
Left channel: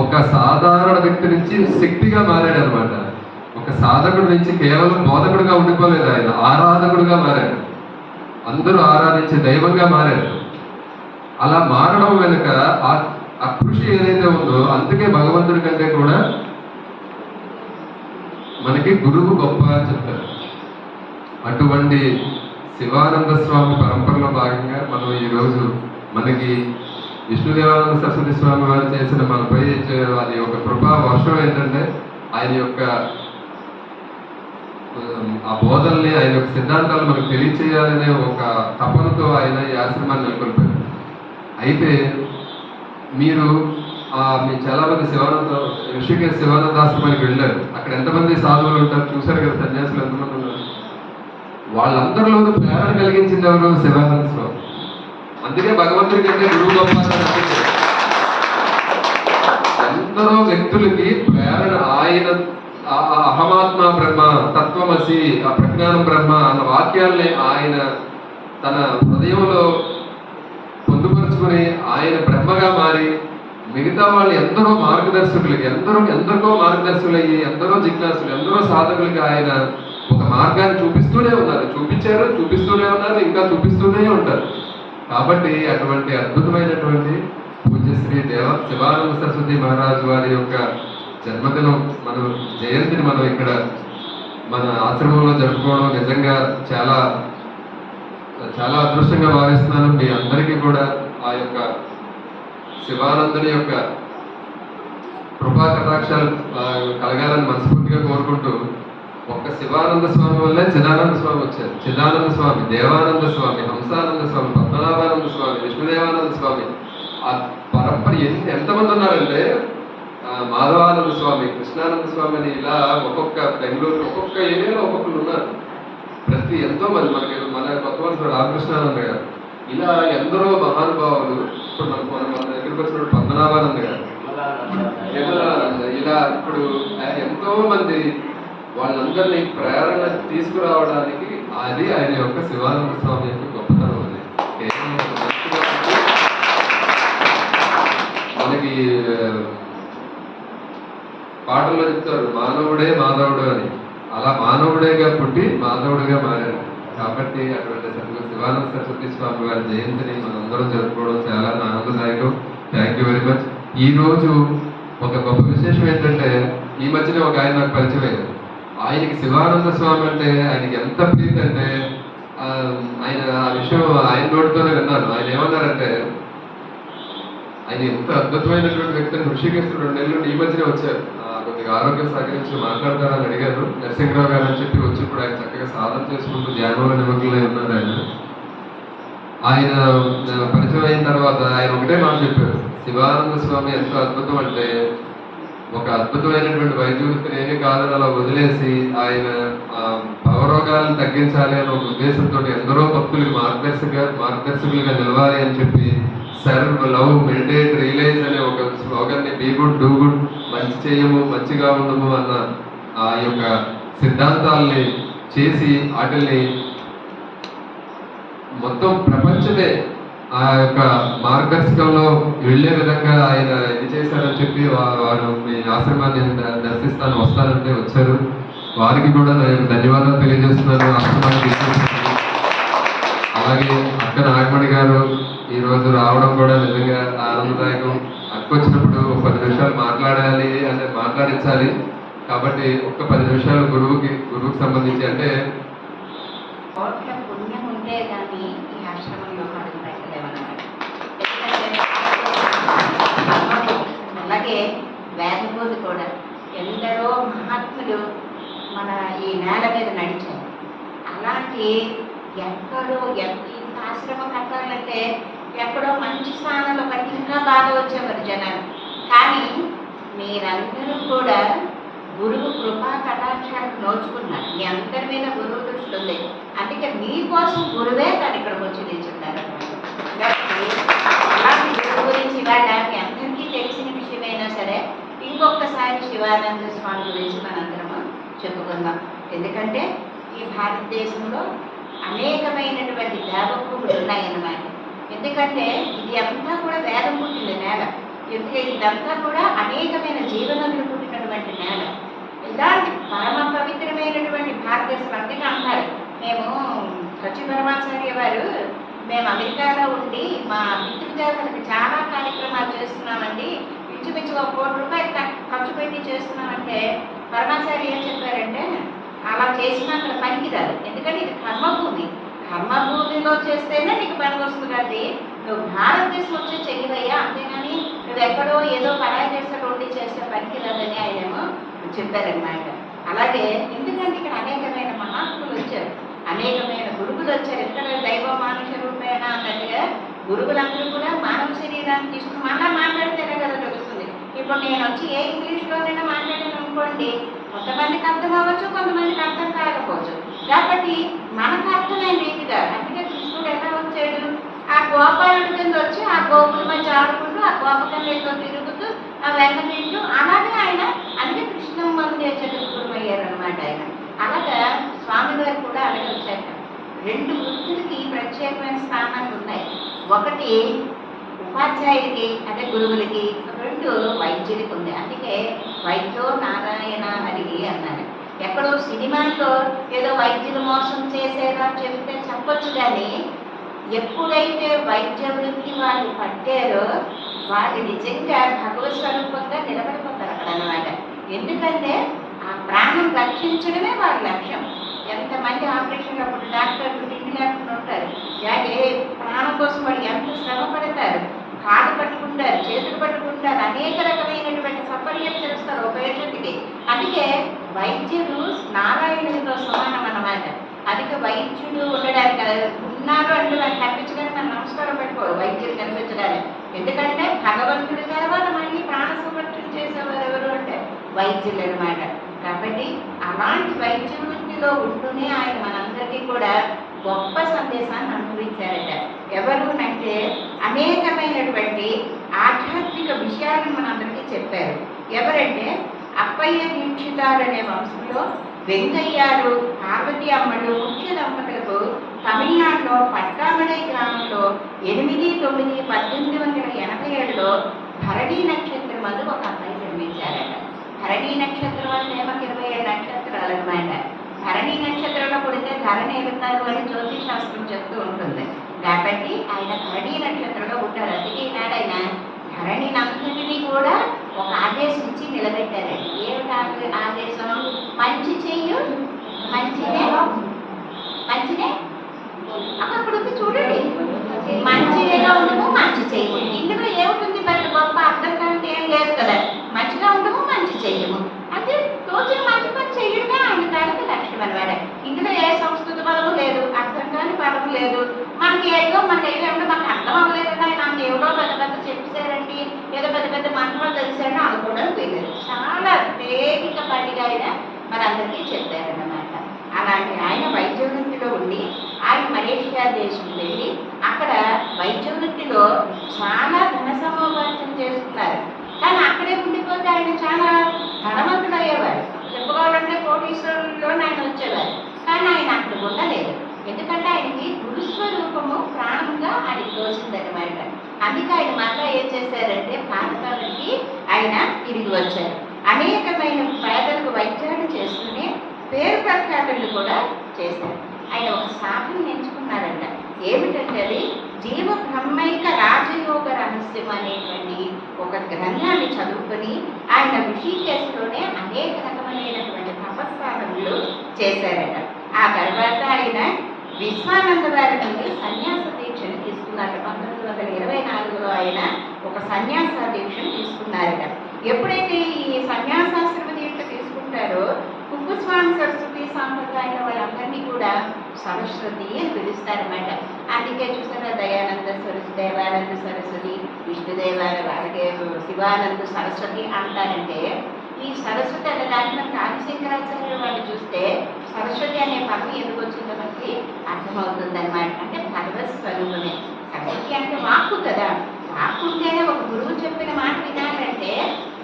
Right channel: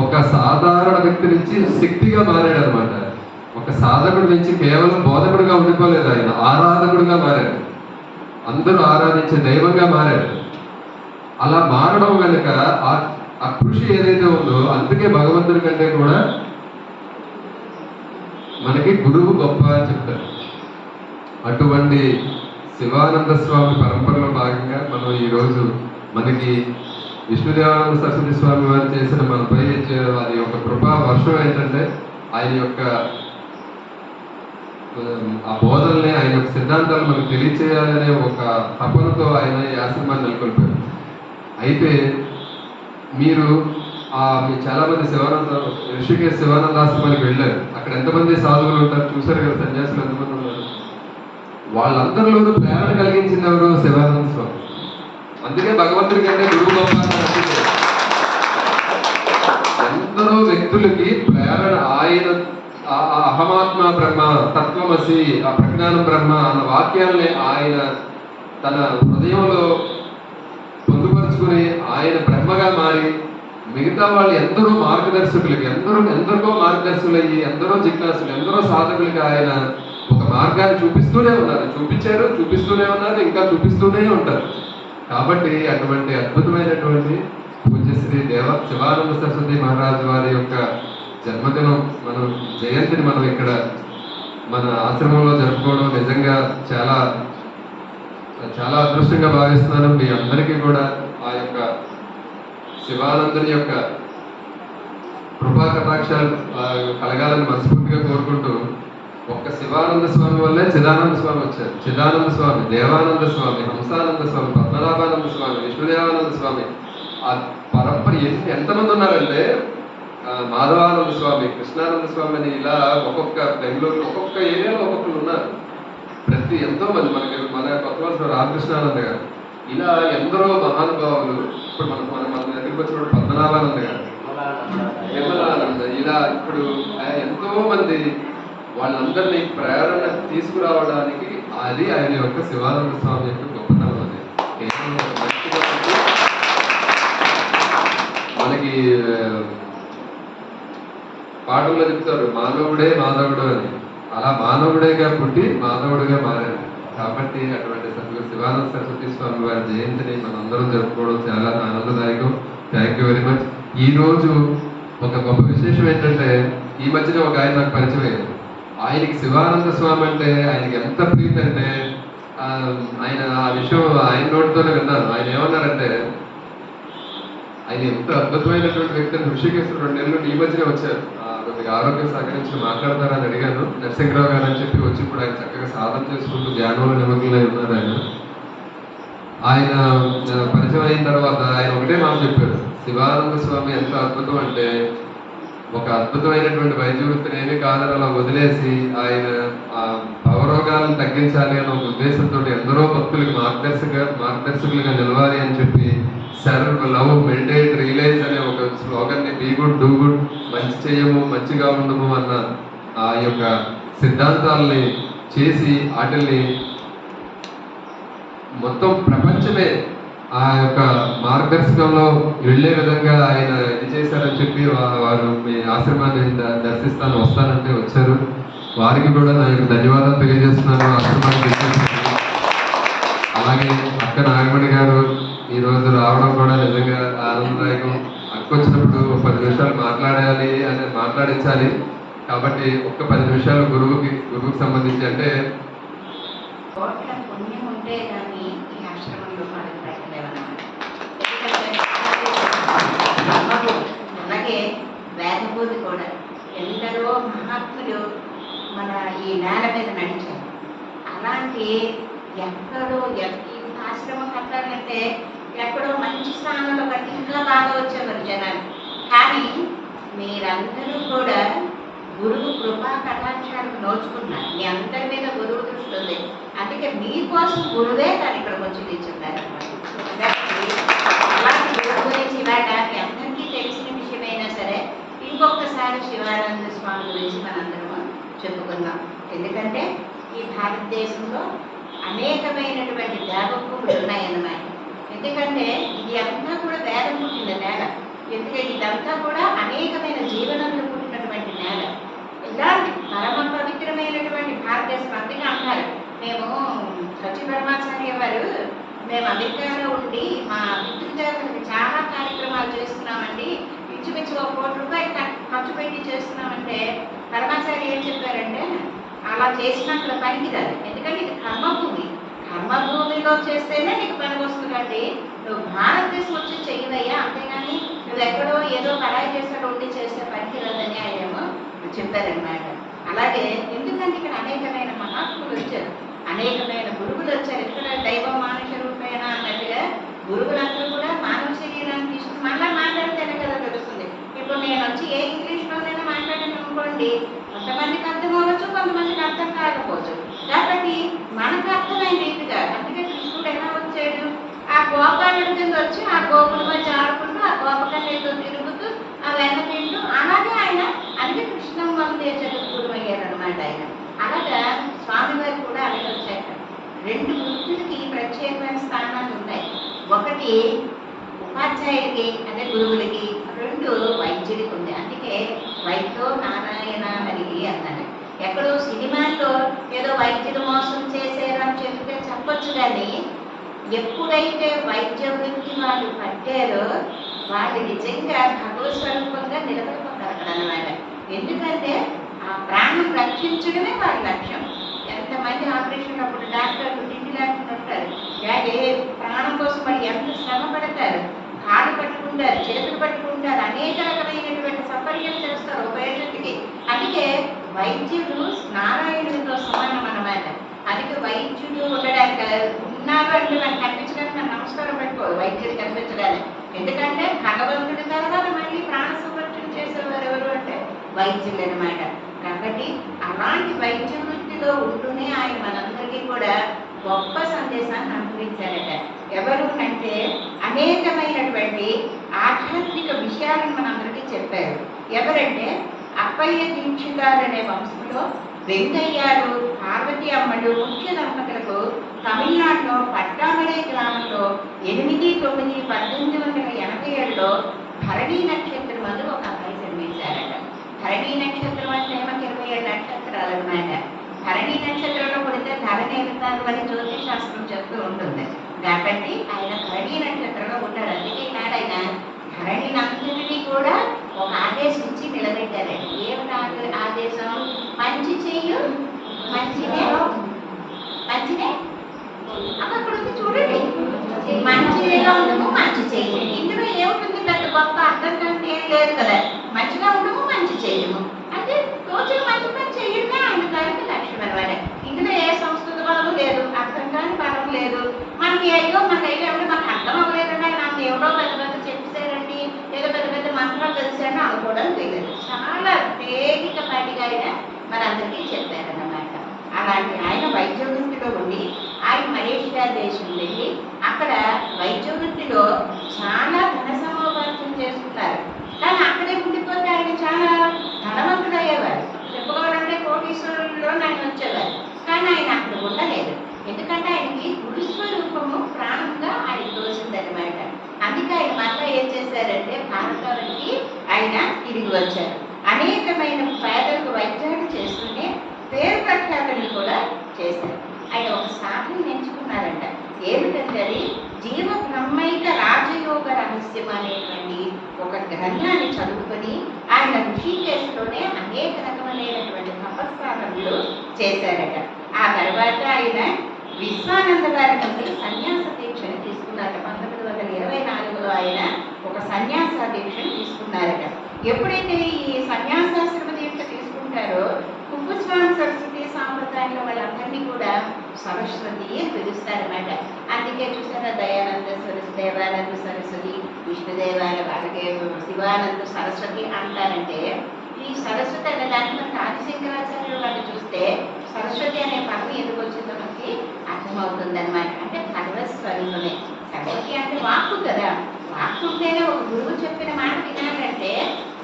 ఒక సాధారణ వ్యక్తి నుంచి శక్తిగా మారాడు అనమాట. ఒక సాధకుడి నుంచి కేవలం బోధకుడిగా ఉండిపోలేదు, ఆయన ఆరాధకుడిగా మారాడు. అందరూ ఆరాధించే దైవంగా మారాడు. అలా మారడం వెనుక ఆ కృషి ఏదైతే ఉందో, అందుకే భగవంతుడి కంటే కూడా మనకి గురువు గొప్ప అని చెప్తారు. అటువంటి శివానంద స్వామి పరంపరలో భాగంగా మనం ఈరోజు మనకి విష్ణుదేవానంద సరస్వతి స్వామి వారు చేసిన మనపై అది ఒక కృపా వర్షం. ఏంటంటే ఆయన యొక్క ఆ బోధల్ని, ఆయన యొక్క సిద్ధాంతాలు మనకు తెలియచేయాలనే ఒక తపనతో ఆయన ఈ ఆశ్రమాన్ని నెలకొల్పారు. అయితే మీరు మీ చాలా మంది ఋషికేశ్ శివానంద ఆశ్రమానికి వెళ్ళారు. అక్కడ ఎంతమంది సాధువులు ఉంటారు చూసారు కదా, సన్యాసులు ఎంతమంది ఉన్నారు. వాళ్ళందరిలో ప్రేరణ కలిగించింది ఎవరు? శివానంద స్వామి. అందుకే భగవంతుడి కంటే గురువు గొప్ప అని అనుకుంటారు. ఎందరో వ్యక్తులకి ప్రేరణ ఆయన అహమాత్మ బ్రహ్మ, తత్వమసి, ఆ ప్రజ్ఞానం బ్రహ్మ అన్న వాక్యాల్ని ఆయన తన హృదయంలో పొందుపరుచుకుని ఆయన బ్రహ్మగా మారి మిగతా వాళ్ళు ఎందరో మార్గదర్శకులకి, ఎందరికో మార్గదర్శకులు అయ్యి, ఎందరో జిజ్ఞాసులు, ఎందరో సాధకులకి ఆయన ఒక మార్గాన్ని చూపిస్తూనే ఉన్నారు. చూపిస్తూనే ఉన్నారు, ఇంకా చూపిస్తూనే ఉంటారు. కాబట్టి అటువంటి అద్భుతమైనటువంటి పూజ్యశ్రీ శివానంద సరస్వతి మహారాజు వారి యొక్క జన్మదినం, మనం జయంతిని మనం ఇక్కడ మన ఆశ్రమంలో జరుపుకోవడం నిజంగా చాలా చాలా అదృష్టంగా భావిస్తున్నాను. మీ అందరికీ కూడా ఆ యొక్క శివానందుని యొక్క కృపా కటాక్షాలు కలగాలని మనస్ఫూర్తిగా కోరుకుంటూ, ఒక్క శివానంద స్వామి వల్లే చిదానంద స్వామి వచ్చారు. చిదానంద స్వామి, దేవానంద స్వామి, హంసానంద స్వామి, పద్మనాభానంద స్వామి, విష్ణుదేవానంద స్వామి, ఆ పరంపర ఎంతమంది ఉన్నారంటే, మాధవానంద స్వామి, కృష్ణానంద స్వామి అని ఇలా ఒక్కొక్క బెంగళూరు ఒక్కొక్క ఏరియాలో ఒక్కొక్కరు ఉన్నారు. ఎంతో మంది మన కొత్త వాళ్ళు రామకృష్ణానంద గారు, ఇలా ఎందరో మహానుభావులు. ఇప్పుడు మన దగ్గరికి వచ్చినప్పుడు పద్మనాభానంద గారు, విమలానంద, ఇలా ఇప్పుడు ఎంతో మంది వాళ్ళందరినీ ప్రేరణ తీసుకురావడానికి అది ఆయన యొక్క శివానంద స్వామి యొక్క గొప్పతనం. అది మనకి పాటల్లో చెప్తారు, మానవుడే మాధవుడు అని. అలా మానవుడేగా పుట్టి మాధవుడిగా మారారు. కాబట్టి అటువంటి శివానంద సరస్వతి స్వామి వారి జయంతిని మనందరం జరుపుకోవడం చాలా ఆనందదాయకం. Thank you very much. ఈ రోజు ఒక గొప్ప విశేషం ఏంటంటే, ఈ మధ్యనే ఒక ఆయన నాకు పరిచయం అయ్యారు. ఆయనకి శివానంద స్వామి అంటే ఆయనకి ఎంత ప్రీతి అంటే, ఆయన ఆ విషయం ఆయన నోటితోనే విన్నాను. ఆయన ఏమన్నారంటే, ఆయన ఎంత అద్భుతమైనటువంటి వ్యక్తిని ఋషికేశ్ 2 నెలలు ఈ మధ్యనే వచ్చారు. కొద్దిగా ఆరోగ్యం సహకరించి మాట్లాడతారని అడిగాను. నరసింహరావు గారు అని చెప్పి వచ్చి ఇప్పుడు ఆయన చక్కగా సాధన చేసుకుంటూ ధ్యానంలో నిమగ్నమై ఉన్నారు. ఆయన పరిచయం అయిన తర్వాత ఆయన ఒకటే మాట చెప్పారు, శివానంద స్వామి ఎంత అద్భుతం అంటే, ఒక అద్భుతమైనటువంటి వైద్య వృత్తిని ఏమీ కాదని అలా వదిలేసి ఆయన భవ భవరోగాలను తగ్గించాలి అనే ఒక ఉద్దేశంతో ఎందరో భక్తులకు మార్గదర్శకులుగా నిలవాలి అని చెప్పి సర్వ్ లవ్ మెడిటేట్ రియలైజ్ అనే ఒక స్లోగన్ ని బీ గుడ్ డూ గుడ్, మంచి చేయము మంచిగా ఉండము అన్న ఆ యొక్క సిద్ధాంతాలని చేసి వాటిల్ని మొత్తం ప్రపంచమే ఆ యొక్క మార్గదర్శకంలో వెళ్ళే విధంగా ఆయన ఇది చేశారని చెప్పి వారు మీ ఆశ్రమాన్ని దర్శిస్తాను వస్తానంటే వచ్చారు. వారికి కూడా నేను ధన్యవాదాలు తెలియజేస్తున్నాను. ఆశ్రమాన్ని అలాగే అక్క నాగమణి గారు ఈరోజు రావడం కూడా నిజంగా ఆనందదాయకం. అక్క వచ్చినప్పుడు ఒక 10 నిమిషాలు మాట్లాడాలి అంటే మాట్లాడించాలి కాబట్టి ఒక్క 10 నిమిషాలు గురువుకి సంబంధించి అంటే పుణ్యం ఉంటే కానీ ఈ ఆశ్రమంలో అలాగే వేదబోధి కూడా ఎందరో మహాత్ములు మన ఈ నేల మీద నడిచారు. అలాంటి ఎక్కడో ఈ ఆశ్రమం కట్టాలంటే ఎక్కడో మంచి స్థానంలో కట్టి ఇంకా బాగా వచ్చేవారు జనాలు. కానీ మీరందరూ కూడా గురువు కృపా కటాక్షాలకు నోచుకున్నారు. మీ అందరి మీద గురువు దృష్టి ఉంది. అందుకే మీకోసం గురువే తను ఇక్కడికి వచ్చి నిల్చున్నారు. అలాంటి గురువు గురించి ఇవాళ మీ అందరికీ తెలిసిన విషయమైనా సరే ఇంకొకసారి శివానంద స్వామి గురించి మనందరము చెప్పుకుందాం. ఎందుకంటే ఈ భారతదేశంలో అనేకమైనటువంటి దేవభూములు ఉన్నాయన్నమాట. ఎందుకంటే ఇది అంతా కూడా వేదం పుట్టిన నేల. ఎందుకంటే ఇదంతా కూడా అనేకమైన జీవనదులు పుట్టినటువంటి నేల. ఇలాంటి పరమ పవిత్రమైనటువంటి భారతదేశం అందుకే అంటారు. మేము సత్యపరమాచార్య వారు మేము అమెరికాలో ఉండి మా పితృదేవతలకు చాలా కార్యక్రమాలు చేస్తున్నామండి, పిచ్చి ఒక ₹1 ఖర్చు పెట్టి చేస్తున్నామంటే పరమాచార్య ఏం చెప్పారంటే అలా చేసినా అక్కడ పనికిరాదు. ఎందుకంటే ఇది కర్మభూమి, కర్మభూమిలో చేస్తేనే నీకు పనికి వస్తుంది. కాబట్టి నువ్వు భారతదేశం వచ్చి చెయ్యవయ్యా, అంతేగాని నువ్వు ఎక్కడో ఏదో పరాయి దేశాలు ఉండి చేస్తే పనికిరాదని ఆయన చెప్పారనమాట. అలాగే ఎందుకంటే ఇక్కడ అనేకమైన మహాత్ములు వచ్చారు, అనేకమైన గురువులు వచ్చారు. ఎందుకంటే దైవం మానుష రూపేణ అన్నట్టుగా గురువులందరూ కూడా మానవ శరీరాన్ని తీసుకుని మళ్ళా మాట్లాడితేనే కదా తెలుస్తుంది. ఇప్పుడు నేను వచ్చి ఏ ఇంగ్లీష్లోనైనా మాట్లాడాను అనుకోండి, కొంతమందికి అర్థం అవ్వచ్చు, కొంతమందికి అర్థం కాకపోవచ్చు. కాబట్టి మనకు అర్థమైన రీతిగా అందుకే కృష్ణుడు ఎలా వచ్చాడు, ఆ గోపాలుడి కింద వచ్చి ఆ గోపుల మధ్య ఆడుకుంటూ ఆ గోపకన్యతో తిరుగుతూ ఆ వెన్న తింటూ అలాగే ఆయన అందుకే కృష్ణం వందే చతుర్గురు అయ్యారు అనమాట ఆయన. అలాగా స్వామివారు కూడా అలాగే వచ్చాక 2 వృత్తులకి ప్రత్యేకమైన స్థానాలు ఉన్నాయి. ఒకటి ఉపాధ్యాయుడికి అదే గురువులకి, 2 వైద్యుడికి ఉంది. అందుకే వైద్యో నారాయణ హరికి అన్నారు. ఎక్కడో సినిమాలో ఏదో వైద్యులు మోసం చేసేరా చెప్తే చెప్పొచ్చు, కానీ ఎప్పుడైతే వైద్య వృత్తి వాళ్ళు పట్టారో వాళ్ళు నిజంగా భగవత్ స్వరూపంగా నిలబడిపోతారు అక్కడ అన్నమాట. ఎందుకంటే ఆ ప్రాణం రక్షించడమే వాళ్ళ లక్ష్యం. ఎంతమంది ఆపరేషన్ అప్పుడు డాక్టర్లు తిండి లేకుండా ఉంటారు, ఏ ప్రాణం కోసం వాళ్ళు ఎంత శ్రమ పడతారు, కాళ్ళు పట్టుకుంటారు, చేతులు పట్టుకుంటారు, అనేక రకమైనటువంటి సపర్యం చేస్తారు ఒక పేషెంట్కి. అందుకే వైద్యులు నారాయణుడితో సమానం అన్నమాట. అందుకే వైద్యుడు ఉండడానికి ఉన్నారు అంటే మనం కనిపించడానికి మనం నమస్కారం పెట్టుకోవాలి వైద్యుడు కనిపించడానికి. ఎందుకంటే భగవంతుడి తర్వాత మళ్ళీ ప్రాణ సంరక్షణ చేసేవారు ఎవరు అంటే వైద్యులు అనమాట. కాబట్టి అలాంటి వైద్య వృత్తిలో ఉంటూనే ఆయన మనందరికీ కూడా గొప్ప సందేశాన్ని అనుభవించారట. ఎవరు అంటే అనేకమైనటువంటి ఆధ్యాత్మిక విషయాలను మనందరికీ చెప్పారు. ఎవరంటే అప్పయ్య దీక్షితారు అనే వంశంలో వెంకయ్యారు, పార్వతి అమ్మలు ముఖ్య దంపతులకు తమిళనాడులో పట్టామలై గ్రామంలో 8/9/1887లో భరణీ నక్షత్రం మందు ఒక అబ్బాయి జన్మించారట. భరణీ నక్షత్రం అంటే మనకి 27 నక్షత్రాలు అనమాట. భరణీ నక్షత్రంలో పుడితే ధరణి ఎదుగుతారు అని జ్యోతిష్ శాస్త్రం చెప్తూ ఉంటుంది. కాబట్టి ఆయన భరణీ నక్షత్రంలో పుట్టారు. అందుకే ఈనాడు ఆయన ధరణినంతటినీ కూడా ఒక ఆదేశం ఇచ్చి నిలబెట్టారండి. ఏమిటి ఆదేశం? మంచి చెయ్యు, మంచినే అక్కడ చూడండి, మంచిగా ఉండము, మంచి చెయ్యము. ఇందులో ఏముంటుంది? పెద్ద గొప్ప అర్థం కంటే ఏం లేదు కదా. మంచిగా ఉండము, మంచి చెయ్యము అంటే రోజు మంచి పని చెయ్యడమే ఆయన దానికి లక్ష్యం అనమాట. ఇందులో ఏ సంస్కృత బలము లేదు, అర్థం కాని బలం లేదు. మనకి ఏదో మనకు అర్థం అవ్వలేదు, ఆయన ఎవరో పెద్ద పెద్ద చెప్పారండి, ఏదో పెద్ద పెద్ద మంత్రాలు తెలిసారని అనుకోవడం తెలియదు. చాలా తేలిక పాటిగా ఆయన మనందరికీ చెప్పారన్నమాట. అలాంటి అందుకే ఆయన మళ్ళీ ఏం చేశారంటే భారతానికి ఆయన తిరిగి వచ్చారు. అనేకమైన పేదలకు వైద్యాలు చేస్తూనే పేరు ప్రఖ్యాతులు కూడా చేశారు. ఆయన ఒక సాధన ఎంచుకున్నారంట. ఏమిటంటే అది జీవ బ్రహ్మైక రాజయోగ రహస్యం అనేటువంటి ఒక గ్రంథాన్ని చదువుకొని ఆయన ఋషికేశ్లోనే అనేక రకమైనటువంటి తపస్సాధనలు చేశారట. ఆ తర్వాత ఆయన విశ్వానంద వారి నుండి సన్యాస దీక్షను తీసుకున్నారట. 1924లో ఆయన ఒక సన్యాస దీక్షను తీసుకున్నారట. ఎప్పుడైతే ఈ సన్యాసాశ్రమ దీక్ష తీసుకుంటారో కుప్పస్వామి సరస్వతి సాంప్రదాయంలో వాళ్ళందరినీ కూడా సరస్వతి అని పిలుస్తారన్నమాట. అందుకే చూసారా దయానంద సరస్వతి, దేవానంద సరస్వతి, విష్ణుదేవాల అలాగే శివానంద సరస్వతి అంటారంటే ఈ సరస్వతి అనే దాన్ని మనకి ఆదిశంకరాచార్యులు వాళ్ళు చూస్తే సరస్వతి అనే పదం ఎందుకు వచ్చిందో మనకి అర్థమవుతుంది అనమాట. అంటే భగవత్ స్వరూపమే. సరస్వతి అంటే వాక్కు కదా, వాక్కు ఉంటేనే ఒక గురువు చెప్పిన మాట వినాలంటే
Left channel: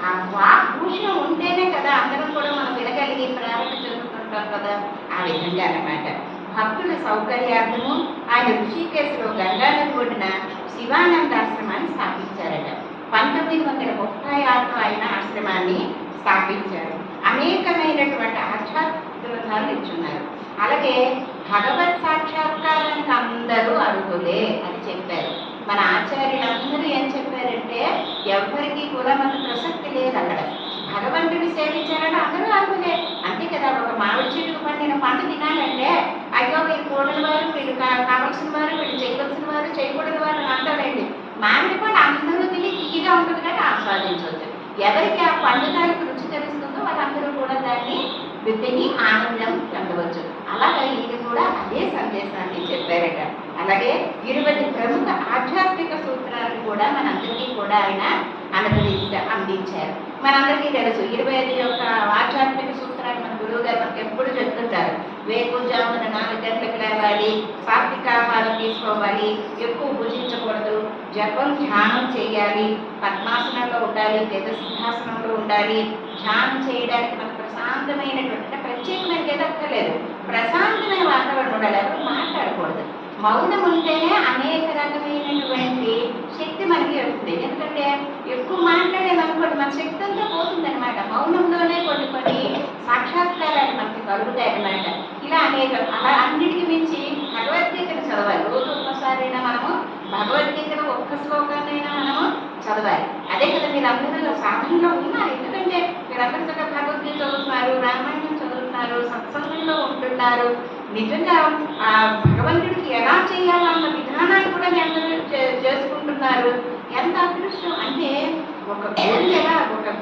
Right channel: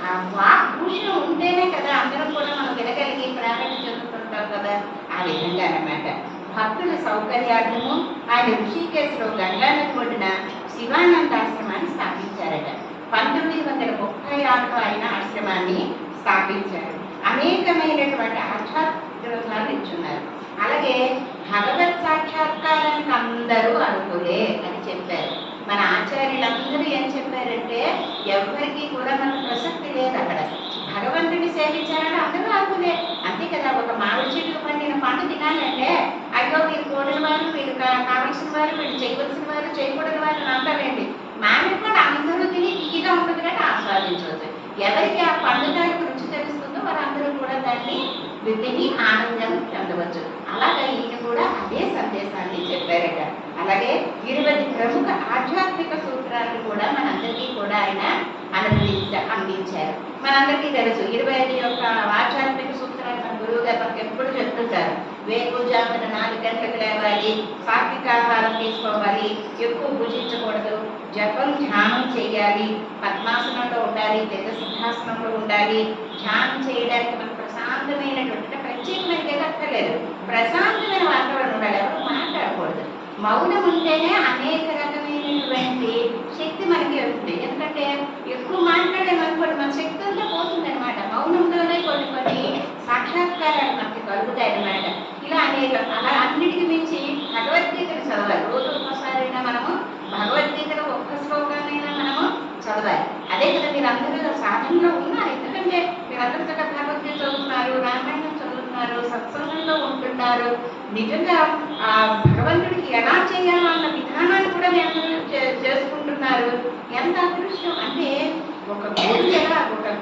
ఆ వాక్ భూషణం ఉంటేనే కదా అందరం కూడా మనం వినగలిగి ప్రారంభ చెందుతుంటాం కదా. ఆ విధంగా అన్నమాట భక్తుల సౌకర్యార్థము ఆయన ఋషికేశ్లో గంగానది ఒడ్డున శివానందాశ్రమాన్ని స్థాపించారట. 1936లో ఆయన ఆశ్రమాన్ని స్థాపించారు. అనేకమైనటువంటి ఆధ్యాత్మిక గ్రంథాలు ఇచ్చున్నారు. అలాగే భగవత్ సాక్షాత్కారానికి అందరూ అర్హులే అని చెప్పారు. మన ఆచార్యులందరూ ఏం చెప్పారంటే ఎవరికి కూడా మన ప్రసక్తి లేదు అక్కడ. భగవంతుని సేవించాలని అందరూ అర్హులే అంతే కదా. ఒక మామిడి చెట్టుకు పండిన పండు తినాలంటే అయ్యో వీరు కూడని వారు, వీళ్ళు కావలసిన వారు, వీళ్ళు చేయవలసిన వారు, చేయకూడని వారు అంటారండి. మామిడి పండు అందరూ తిని తీగా ఉంటుంది కానీ ఆస్వాదించవచ్చు. ఎవరికి ఆ పండుగలకు రుచి తెలుస్తుందో వారందరూ కూడా దాన్ని తిని ఆనందం చెందవచ్చు. అలాగే ఈయన కూడా అదే సందేశాన్ని చెప్పారట. అలాగే 20 ప్రముఖ ఆధ్యాత్మిక సూత్రాలను కూడా మనందరికీ కూడా ఆయన అందించారు. మనందరికీ తెలుసు 25 యొక్క ఆధ్యాత్మిక సూత్రాన్ని మన గురువు గారు మనకి ఎప్పుడు చెప్తుంటారు. వేకుజామున 4 గంటలకు లేవాలి, సాత్విక ఆహారం తీసుకోవాలి, ఎక్కువ భుజించకూడదు, జపం ధ్యానం చేయాలి, పద్మాసనంలో ఉండాలి, సింహాసనంలో ఉండాలి. ధ్యానం చేయడానికి మనకు ప్రశాంతమైనటువంటి ప్రత్యేకమైన ఎదక్కర్లేదు, ప్రశాంతమైన వాతావరణం ఉండాలి. ఎవరు మాట్లాడకూడదు. మౌనం ఉంటేనే అనేక రకమైనటువంటి శక్తి మనకి వస్తుంది. ఎందుకంటే ఎక్కువ మాట్లాడేమనుకోండి మన శక్తి అంతా పోతుందన్నమాట. మౌనంలోనే కొన్ని సాక్షాత్కారాలు మనకి కలుగుతాయి అన్నమాట. ఇలా అలా అన్నిటికి మించి భగవద్గీతను చదవాలి. రోజు ఒక్కసారైనా మనము భగవద్గీతలో ఒక్క శ్లోకాన్నైనా మనము చదవాలి. అదే కదా మీరందరూ సాధనలో ఉన్నారు. ఎందుకంటే మీరందరూ చక్కగా భగవద్గీత చదువుతున్నారు, రామాయణం చదువుతున్నారు, సత్సంగంలో ఉంటున్నారు. నిజంగా ఆ భగవంతుడికి ఎలా చేయాలన్న విధానాన్ని కూడా మీ అందరూ చేసుకుంటున్నారు. ఎంత అదృష్టం అంటే ఒక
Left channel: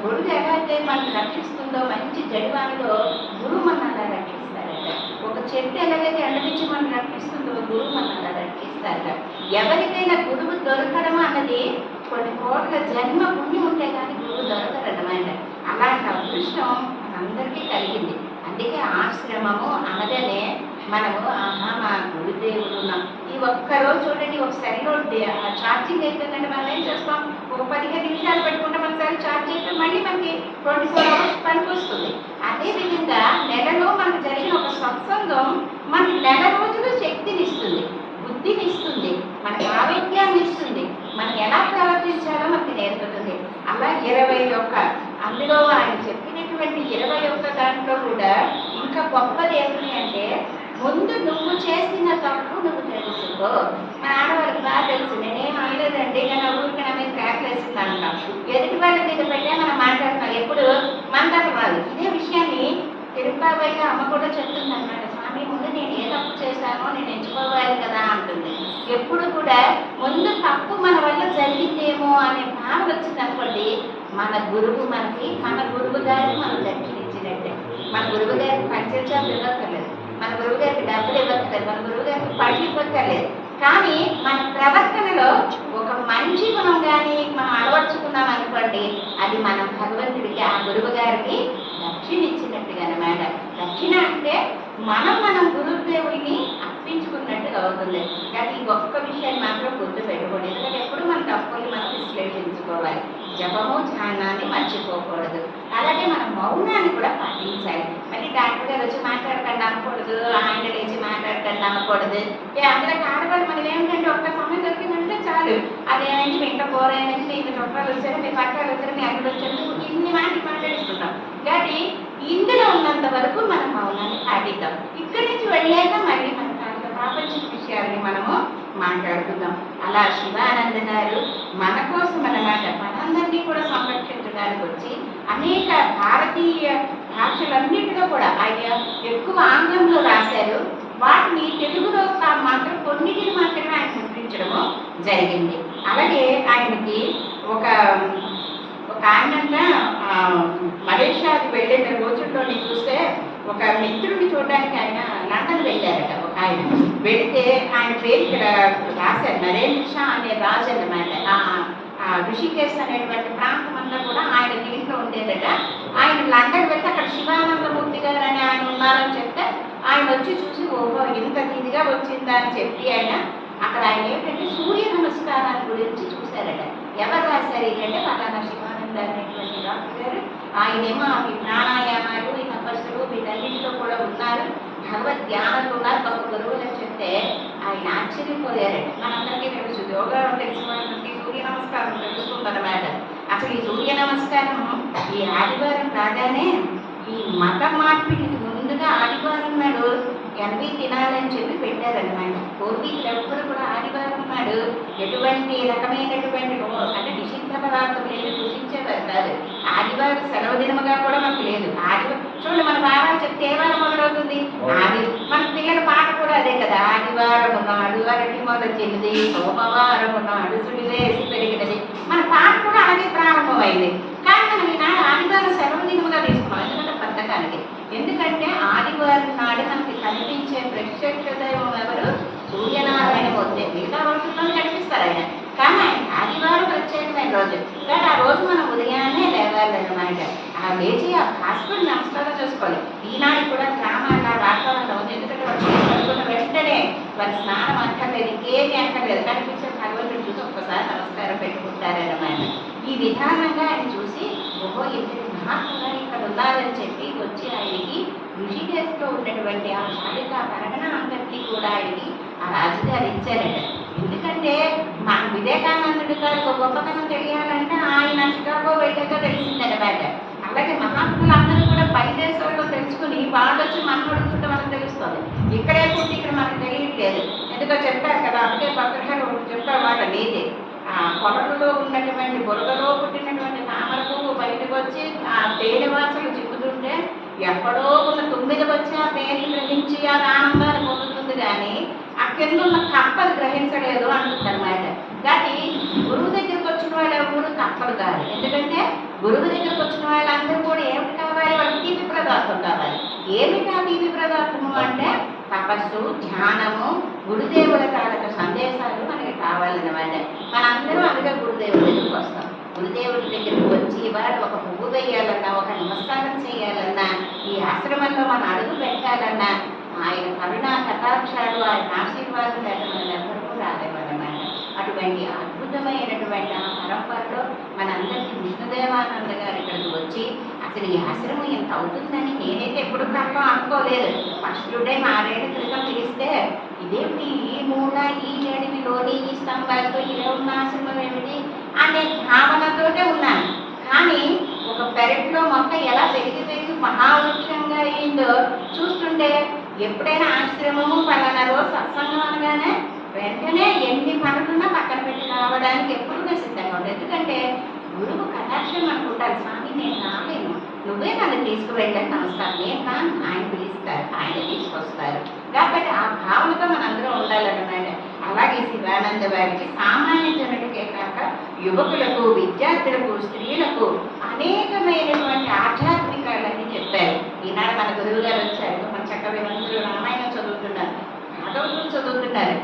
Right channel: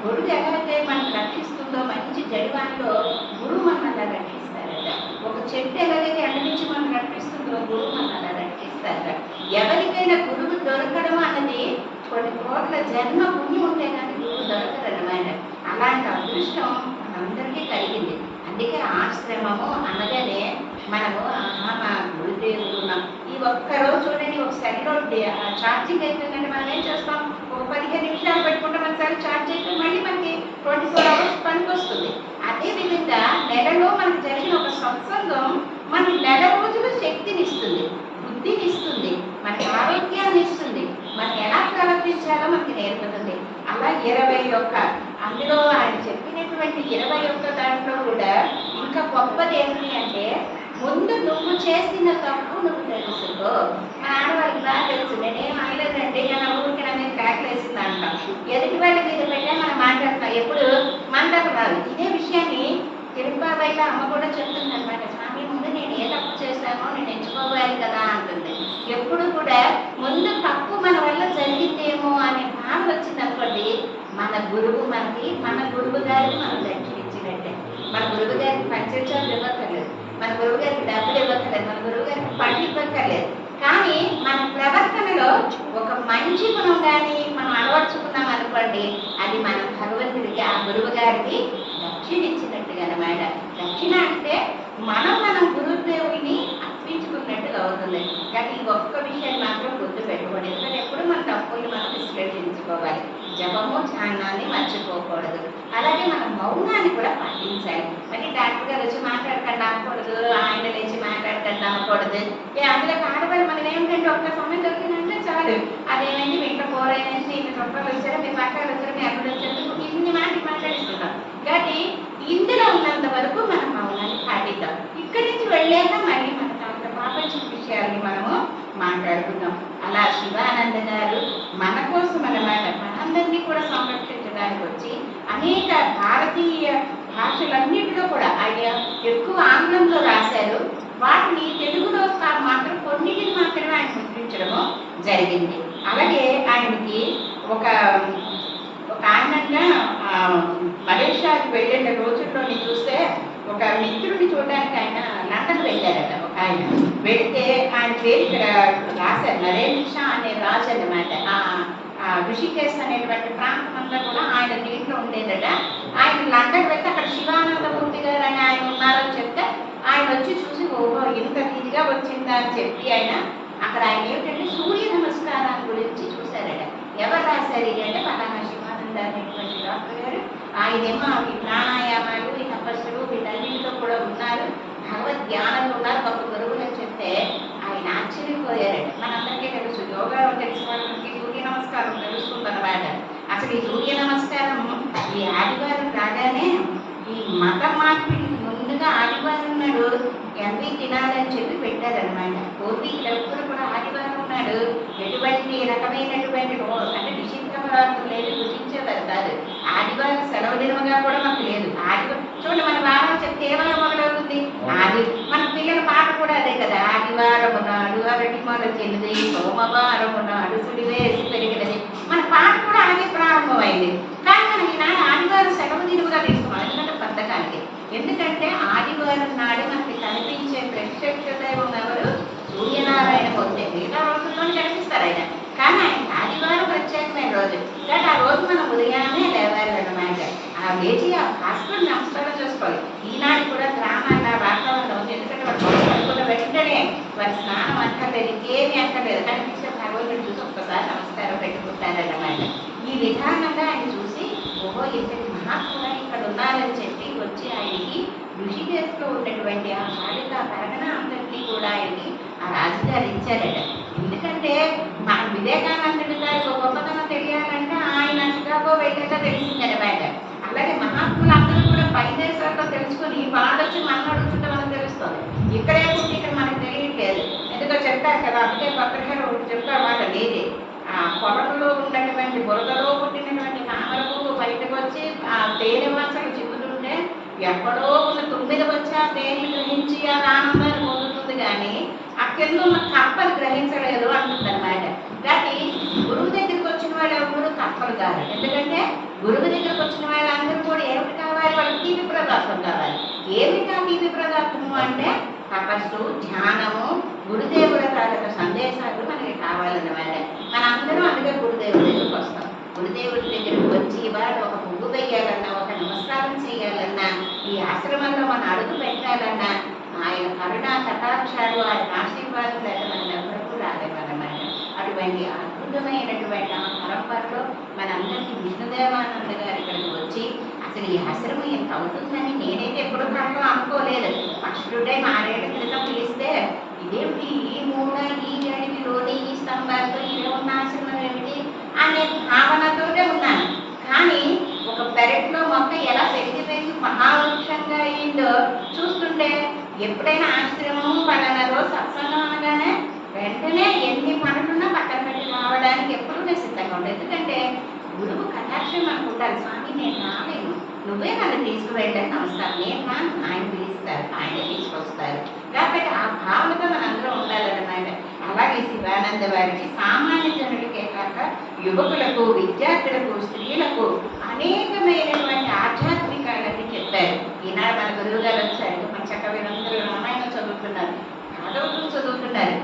గొడుగు ఎలా అయితే మనకి రక్షిస్తుందో మంచి జడివాన్లో గురువు మన అలా రక్షిస్తారట. ఒక చెట్టు ఎలాగైతే ఎండ నుంచి మనం రక్షిస్తుందో గురువు మన అలా రక్షిస్తారట. ఎవరికైనా గురువు దొరకడం అన్నది కొన్ని కోట్ల జన్మ పుణ్యం ఉంటే కానీ గురువు దొరకరన్నమాట. అలాంటి అదృష్టం మనందరికీ కలిగింది. అందుకే ఆశ్రమము అనగానే మనము మా గురుదేవుడు ఉన్నాం. ఈ ఒక్కరోజు చూడండి, ఒక సెల్లో ఛార్జింగ్ అయిపోయిందంటే మనం ఏం చేస్తాం, ఒక 15 నిమిషాలు పెట్టుకుంటే మన సెల్ ఛార్జ్ అయితే మళ్ళీ మనకి 24 అవర్స్ పనికి వస్తుంది. అదేవిధంగా నెలలో మనకు జరిగిన ఒక సత్సంగం మనకి నెల రోజులు శక్తిని ఇస్తుంది, బుద్ధిని ఇస్తుంది, మనకి ఆరోగ్యాన్ని ఇస్తుంది, మనం ఎలా ప్రవర్తించాలో మనకి నేర్పుతుంది. అలా 21 అందులో ఆయన చెప్పినటువంటి 21 దాంట్లో కూడా ఇంకా గొప్పది ఏమిటి అంటే ముందు నువ్వు చేసిన తప్పు నువ్వు తెలుసుకో. మన ఆడవాళ్ళకి బాగా తెలుసు. నేనేం అనలేదండి, నేను ఊరికి నా మీద ట్రాక్లు వేసింది అంటాం. ఎదుటి వాళ్ళ మీద పెట్టే మనం మాట్లాడతాం. ఎప్పుడు మన తప్పు రాదు. ఇదే విషయాన్ని తిరుపతిలో అమ్మ కూడా చెప్తుంది అనమాట. స్వామి ముందు నేను ఏ తప్పు చేశానో నేను ఎంచుకోవాలి కదా అంటుంది. ఎప్పుడు కూడా ముందు తప్పు మన వల్ల జరిగిందేమో అనే భావన వచ్చింది అనుకోండి, మన గురువు గారికి మనం దక్షిణించినట్టే. మన గురువు గారికి పంచాలు ఇవ్వక్కర్లేదు, మన గురువు గారికి డబ్బులు ఇవ్వక్కర్లేదు, మన గురువు గారికి పళ్ళు ఇవ్వక్కర్లేదు. కానీ మన ప్రవర్తనలో ఒక మంచి గుణం కానీ మనం అలవర్చుకున్నాం అనుకోండి, అది మన భగవంతుడికి ఆ గురువు గారికి దక్షిణ ఇచ్చినట్టుగా అన్నమాట. దక్షిణ అంటే మనం గురుదేవుడిని అర్పించుకున్నట్టుగా అవుతుంది. కానీ ఈ ఒక్క విషయాన్ని మాత్రం గుర్తు పెట్టుకోండి. ఎందుకంటే ఎప్పుడు మన తప్పులు మనం విశ్లేషించుకోవాలి. జపము ధ్యానాన్ని మర్చిపోకూడదు. అలాగే మనం మౌనాన్ని కూడా పాటించాలి. మళ్ళీ డాక్టర్ గారు వచ్చి మాట్లాడకండి అనకూడదు, ఆయన లేచి మాట్లాడకండి అనకూడదు. అందులో ఆడవాళ్ళు మనం ఏమిటంటే ఒక్క సమయం దొరికిందంటే చాలు, అదేమైంది మీ ఇంట్లో కూర అయినది, మీ ఇంట్లో చుట్టాలు వచ్చారు, మీ పట్టాలు వచ్చారు, మీ అక్కడ వచ్చారు, ఇన్ని మాటలు మాట్లాడుతున్నాం. కాబట్టి ఇందులో ఉన్నంత వరకు మనం మౌనాన్ని పాటిద్దాం. ఇక్కడి నుంచి వెళ్ళాక మళ్ళీ మన ప్రాపంచిక విషయాలని మనము మాట్లాడుకుందాం. అలా శివానంద గారు మన కోసం అన్నమాట, మనందరినీ కూడా సంరక్షించడానికి వచ్చి అనేక భారతీయ భాషలన్నింటిలో కూడా ఆయన ఎక్కువ ఆంగ్లంలో రాశారు. వాటిని తెలుగులో మాత్రం కొన్నిటిని మాత్రమే ఆయన ముద్రించడము జరిగింది. అలాగే ఆయనకి ఒక ఆయనంగా మలేషియాకి వెళ్ళిన రోజుల్లోని చూస్తే ఒక మిత్రుడిని చూడడానికి ఆయన లండన్ వెళ్ళారట. ఒక ఆయన వెళితే ఆయన పేరు ఇక్కడ రాశారు, నరేంద్ర షా అనే రాజు అన్నమాట. ఋషికేశ్ అనేటువంటి ప్రాంతం అంతా కూడా ఆయన దీంట్లో ఉండేదట. ఆయన లండన్ వెళ్తే అక్కడ శివానందమూర్తి గారు అని ఆయన ఉన్నారని చెప్తే ఆయన వచ్చి చూసి ఓహో ఇంత ఇదిగా వచ్చిందా అని చెప్పి అక్కడ ఆయన ఏమిటంటే సూర్య నమస్కారాల గురించి చూశారట. ఎవరు రాశారు ఏంటంటే పలానా శివానంద అనేటువంటి డాక్టర్ గారు. ఆయనేమో ఈ ప్రాణాయామాలు, ఈ తపస్సులు వీటన్నింటిలో కూడా ఉన్నారు, భగవద్ ధ్యానాలు ఉన్నారు, గొప్ప గురువులు అని చెప్తే ఆయన ఆశ్చర్యపోయారట. మనందరికీ తెలుసు, యోగా తెలుసుకోవడానికి సూర్య నమస్కారం తెలుసుకుందన్నమాట. అసలు ఈ సూర్య నమస్కారం ఈ ఆదివారం రాగానే ఈ మత మార్పిడికి ముందుగా ఆదివారం నాడు ఎనభై తినాలని చెప్పి పెట్టారనమాట. పూర్వీకులు ఎవ్వరు కూడా ఆదివారం నాడు ఎటువంటి రకమైనటువంటి అంటే నిషిద్ధ పదార్థం లేదు, రుచించేవారు కాదు. ఆదివారం సెలవు దినముగా కూడా మాకు లేదు. ఆదివారం చూడండి, మన వారాలు చెప్తే ఏ వారం మొదలవుతుంది? మన పిల్లల పాట కూడా అదే కదా, ఆదివారం నాడు అరటి మొలచినది, సోమవారం నాడు సుడివేసి పెరిగినది. మన పాట కూడా అలాగే ప్రారంభమైంది. కానీ మనం ఈనాడు ఆదివారం సెలవు దినముగా తీసుకున్నాం, ఎందుకంటే పద్ధకానికి. ఎందుకంటే ఆదివారం నాడు మనకి కనిపించే ప్రత్యక్ష దైవం ఎవరు? సూర్యనారాయణ మూర్తి. మిగతా రోజుల్లో కనిపిస్తారు ఆయన, కానీ ఆయన ఆదివారం ప్రత్యేకమైన రోజు. కానీ ఆ రోజు మనం ఉదయాన్నే లేవాలన్నమాట. ఆ లేచి ఆ హాస్పిటల్ నమస్కారం చేసుకోవాలి. ఈనాడు కూడా గ్రామాల వాతావరణం, ఎందుకంటే వాళ్ళు వెంటనే వారి స్నానం అక్కర్లేదు, ఇంకేమీ అక్కర్లేదు, కనిపించే భగవంతుడు చూసి ఒక్కసారి నమస్కారం పెట్టుకుంటారన్నమాట. ఈ విధానంగా ఆయన చూసి ఓహో ఇంతటి మహాత్ముగా ఇక్కడ ఉన్నారని చెప్పి వచ్చి ఆయనకి ఋషికేశ్లో ఉన్నటువంటి ఆ బాలిక పరగణ అంతటినీ కూడా ఆయనకి ఆ రాజుగారు ఇచ్చారట. ఎందుకంటే మా వివేకానందుడి గారికి ఒక గొప్పతనం తెలియాలంటే ఆయన చికాగో వెళ్ళాక తెలిసిందనమాట. అలాగే మహాత్ములు అందరూ కూడా పై దేశాల్లో తెలుసుకుని వాళ్ళు వచ్చి మనం అడుగుతుంటే మనకు తెలుస్తుంది. ఇక్కడే పుట్టి ఇక్కడ మనకు తెలియట్లేదు. ఎందుకో చెప్తారు కదా, అందుకే పత్రికలు చెప్తారు మాట నీది. ఆ పొలంలో ఉన్నటువంటి బురదలో పుట్టినటువంటి తామర పువ్వు బయటకు వచ్చి ఆ తేనె వాసలు చిక్కుతుంటే ఎక్కడో ఉన్న 9 వచ్చి ఆ తేనె గ్రహించి ఆ ఆనందాన్ని పొందుతుంది, కానీ ఆ కింద ఉన్న కప్పలు గ్రహించలేదు అంటుందన్నమాట. కాబట్టి గురువు దగ్గరికి వచ్చిన వాళ్ళు ఎవరు కప్పలు కాదు. ఎందుకంటే గురువు దగ్గరికి వచ్చిన వాళ్ళందరూ కూడా ఏమిటి కావాలి? వాళ్ళకి తీపి పదార్థం కావాలి. ఏమిటి ఆ తీపి పదార్థము అంటే తపస్సు, ధ్యానము, గురుదేవుల తాలూకు సందేశాలు మనకి కావాలన్నమాట. మనందరం అందుకే గురుదేవుడి దగ్గరికి వస్తాం. గురుదేవుడి దగ్గరికి వచ్చి ఇవాళ ఒక పువ్వు వేయాలన్నా, ఒక నమస్కారం చేయాలన్నా, ఈ ఆశ్రమంలో మనం అడుగు పెట్టాలన్నా ఆయన కరుణా కటాక్షాలు, ఆయన ఆశీర్వాదం లేక మనం ఎవరికూ రాలేమన్నమాట. అటువంటి అద్భుతమైనటువంటి ఆ పరంపరలో మనందరికీ విష్ణుదేవానంద గారు ఇక్కడికి వచ్చి అసలు ఈ ఆశ్రమం ఎంత అవుతుందని నేనైతే ఎప్పుడు కన్నా అనుకోలేదు. ఫస్ట్ టైం 6 ఏళ్ల క్రితం పిలిస్తే ఇదేమిటి ఈ మూల ఈ అడవిలోని ఈ స్తంభాలతో ఇలా ఉన్న ఆశ్రమం ఏమిటి అనే భావనతోనే ఉన్నాను. కానీ ఒక పెరట్లో మొక్క ఎలా పెరిగిపోయి మహావృక్షంగా అయిందో చూస్తుంటే ఎప్పుడైనా ఆశ్రమము పలానా రోజు సత్సంగం అనగానే వెంటనే ఎన్ని పనులున్నా పక్కన పెట్టి రావడానికి ఎప్పుడు నేను సిద్ధంగా ఉంటాను. ఎందుకంటే గురువు కటాక్షం అనుకుంటాను, స్వామి నేను రాలేను, నువ్వే నన్ను తీసుకువెళ్ళని నమస్కారం, నేను రాను, ఆయన పిలుస్తారు, ఆయన తీసుకొస్తారు. కాబట్టి ఆ భావనతో మనందరం ఉండాలన్నమాట. అలాగే శివానంద వారికి సామాన్య జనులకే కాక యువకులకు, విద్యార్థులకు, స్త్రీలకు అనేకమైనటువంటి ఆధ్యాత్మికాలన్నీ చెప్పారు. ఈనాడు మన గురువు గారు వచ్చారు, మన చక్కవేనందరూ రామాయణం చదువుతున్నారు, భాగవతం చదువుతున్నారు.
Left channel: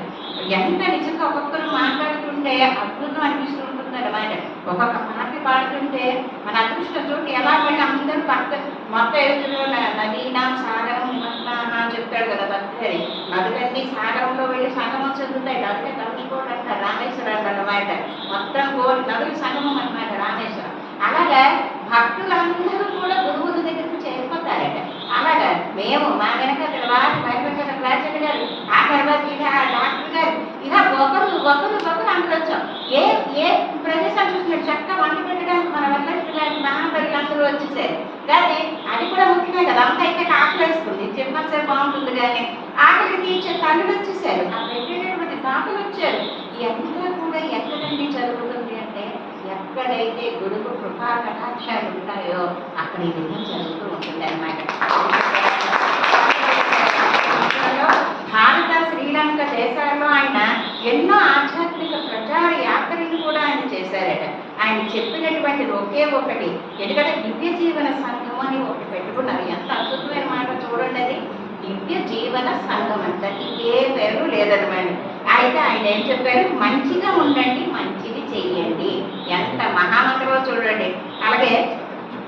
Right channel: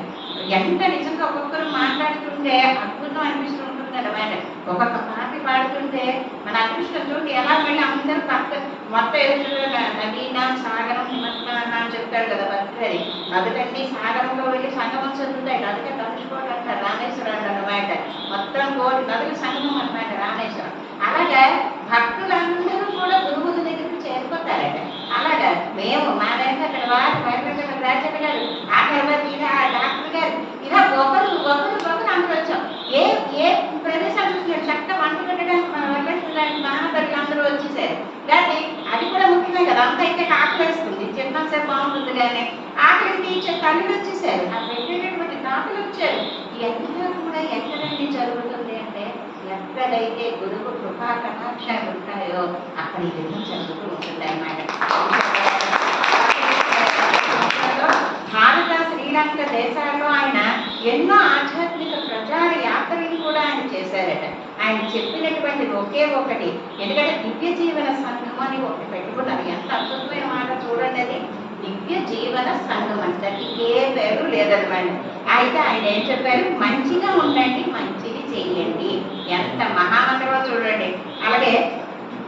ఎంత నిజంగా ఒక్కొక్కరు మాట్లాడుతుంటే అద్భుతం అనిపిస్తూ ఉంటుంది అన్నమాట. ఒక్కొక్క పాట పాడుతుంటే మన అదృష్టం తోటి ఎలా మళ్ళీ అందరూ పక్క మొత్తం ఎదురు నదీనా సాగరం నిమగ్నాహ అని చెప్తాడు కదా భక్తుడి. నదులన్నీ సాగరంలో వెళ్ళి సంగమం చెందుతాయి. అందుకే తమిళకోట అంటారు రామేశ్వరం అన్నమాట. మొత్తం నదులు సంగమం అన్నమాట రామేశ్వరం. అలాగే భక్తులందరూ కూడా గురువుల దగ్గరికి చేరిపోతారట. అలాగా మేము మా వెనక అక్కడ వారు వెనక రాజన్న గారు, ఆ తర్వాత ఇలా ఆ డాక్టర్ గారు, ఇలా ఒకరు అందరూ వచ్చాం. ఏ ప్రదేశం చూసినట్టు చక్కగా వంట పెట్టడానికి మన వల్ల మహాబలి అందరూ వచ్చేసారు. కానీ అది కూడా ముఖ్యమే కదా, అంతా ఇంకా ఆకలి వేస్తుంది, చెప్పినా సరే బాగుంటుంది. కానీ ఆకలికి తీర్చే తల్లి వచ్చేసారు, ఆ పెట్టేటటువంటి తాతలు వచ్చారు. ఇదంతా కూడా ఎక్కడండి జరుగుతుంది అంటే, ఎక్కడైతే గురువు కృపా కటాక్షాలు ఉంటాయో అక్కడ ఈ విధంగా జరుగుతూ ఉంటుంది అన్నమాట. భారత శ్రీలంక దేశాల్లో ఆయన ఎన్నో ఆధ్యాత్మిక ప్రచార యాత్రలు కూడా ఆయన చేశారట. ఆయన చెప్పినటువంటి ఒకే ఒకటి, ఎందుకంటే దివ్య జీవన సంఘం అని ఒకటి పెట్టుకున్నారు. ఎంత అద్భుతమైన మాట చూడండి, అది దివ్య జీవన సంఘం అంటే ఏ పేరు లేదనమాట. అయితే ఆయన ఏం చెప్పారు, మంచిగా ఉండండి, మంచిది చెయ్యండి. ఎంత మహామంత్రమో చూడండి. అలాగే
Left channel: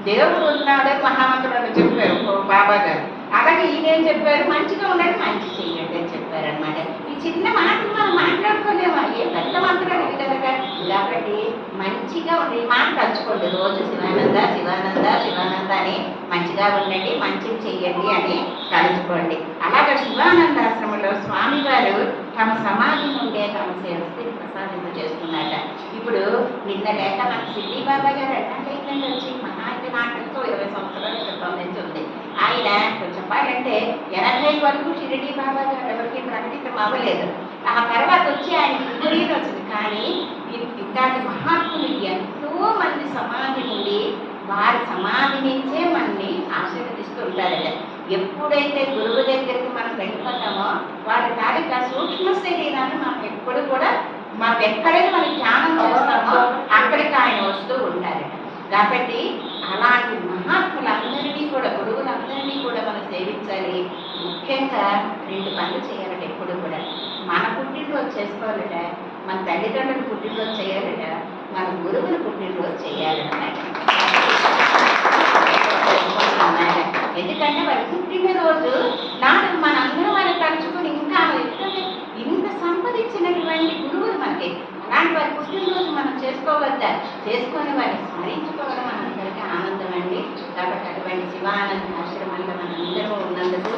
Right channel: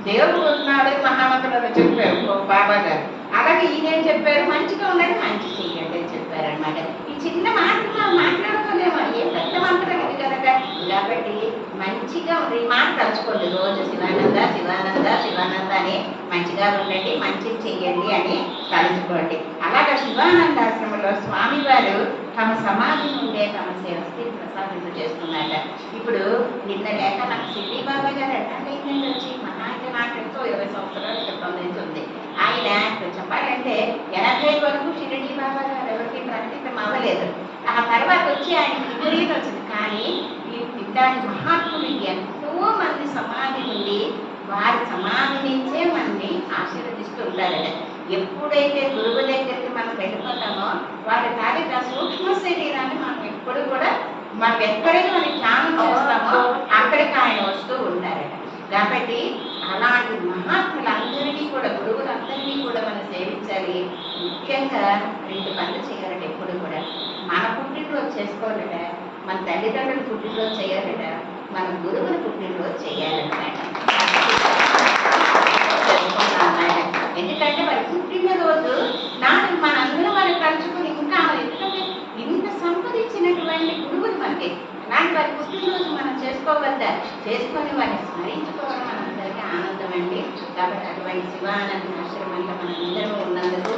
దేవుడు ఉన్నాడు మహామంత్రంలో చెప్పారు బాబా గారు. అలాగే ఈయనేం చెప్పారు, మంచిగా ఉండండి, మంచి చెయ్యండి అని చెప్పారనమాట. ఈ చిన్న మాటలు మనం మాట్లాడుకోలేమా, ఏ పెద్ద మంత్రం ఇది కనుక. కాబట్టి మంచిగా ఈ మాట తలుచుకోండి రోజు, శివానంద శివానంద శివానంద అని మంచిగా ఉండండి, మంచిది చెయ్యండి అని తలుచుకోండి. అలాగే శివానందాశ్రమంలో స్వామివారు తమ సమాధి నుండే తమ సేవస్థితి ప్రసాదింపు చేస్తున్నారట. ఇప్పుడు నిన్న లేక నాకు సిద్ధి బాబా గారు రిటైర్ అయిందని వచ్చి మహాంతి నాటకంతో 20 సంవత్సరాల క్రితం నుంచి ఉంది. ఆయన చెప్పాలంటే 80 వరకు షిరిడి బాబా గారు ఎవరికి ప్రకటించడం అవ్వలేదు. ఆ తర్వాత వచ్చి ఆయనకి విపరీతం వచ్చింది. కానీ ఇట్లాంటి మహాత్ములు ఎంతో మంది సమాధి నుండి, వారి సమాధి నుంచే మనని ఆశీర్వదిస్తూ ఉంటారట. ఎప్పుడైతే గురువు దగ్గరికి మనం వెళ్ళిపోతామో వారి తాలూకా సూక్ష్మ శరీరాన్ని మనం ఎప్పుడు కూడా మనం ఎక్కడైతే మనం ధ్యానం చేస్తామో అక్కడికి ఆయన వస్తూ ఉంటారట. కాబట్టి అలాంటి మహాత్ములందరినీ కూడా, గురువులందరినీ కూడా మనం సేవించాలి. ముఖ్యంగా 2 పనులు చేయాలట ఎప్పుడు కూడా. మన పుట్టినరోజు చేసుకోవాలట, మన తల్లిదండ్రులు పుట్టినరోజు చేయాలట, మన గురువుని పుట్టినరోజు చేయాలన్నమాట. ఎందుకంటే వారి పుట్టినరోజు నాడు మనందరం మనం తలుచుకొని ఇంకా ఎందుకంటే ఇంత సంపాదించినటువంటి గురువులు మనకి, అలాంటి వారి పుట్టినరోజు మనం చేసుకోవద్దా, చేసుకొని వారిని స్మరించుకోవడం మనందరికీ ఆనందం అండి. కాబట్టి అటువంటి శివానంద ఆశ్రమంలో మనందరూ ఉన్నందుకు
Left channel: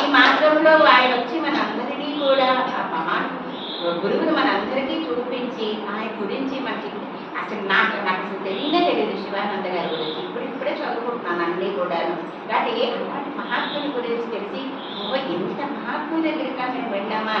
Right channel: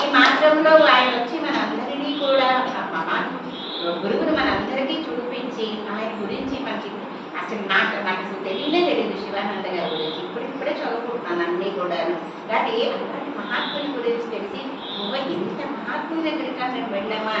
ఈ మార్గంలో ఆయన వచ్చి మనందరినీ కూడా గురువుని మనందరికీ చూపించి ఆయన గురించి మనకి అసలు నాకు అసలు తెలియదు శివానంద గారి గురించి. ఇప్పుడే చదువుకుంటున్నాను అన్నీ కూడాను. కానీ అలాంటి మహాత్ముని గురించి తెలిసి ఇంత మహాత్ముని దగ్గరికి మేము వెళ్ళామా,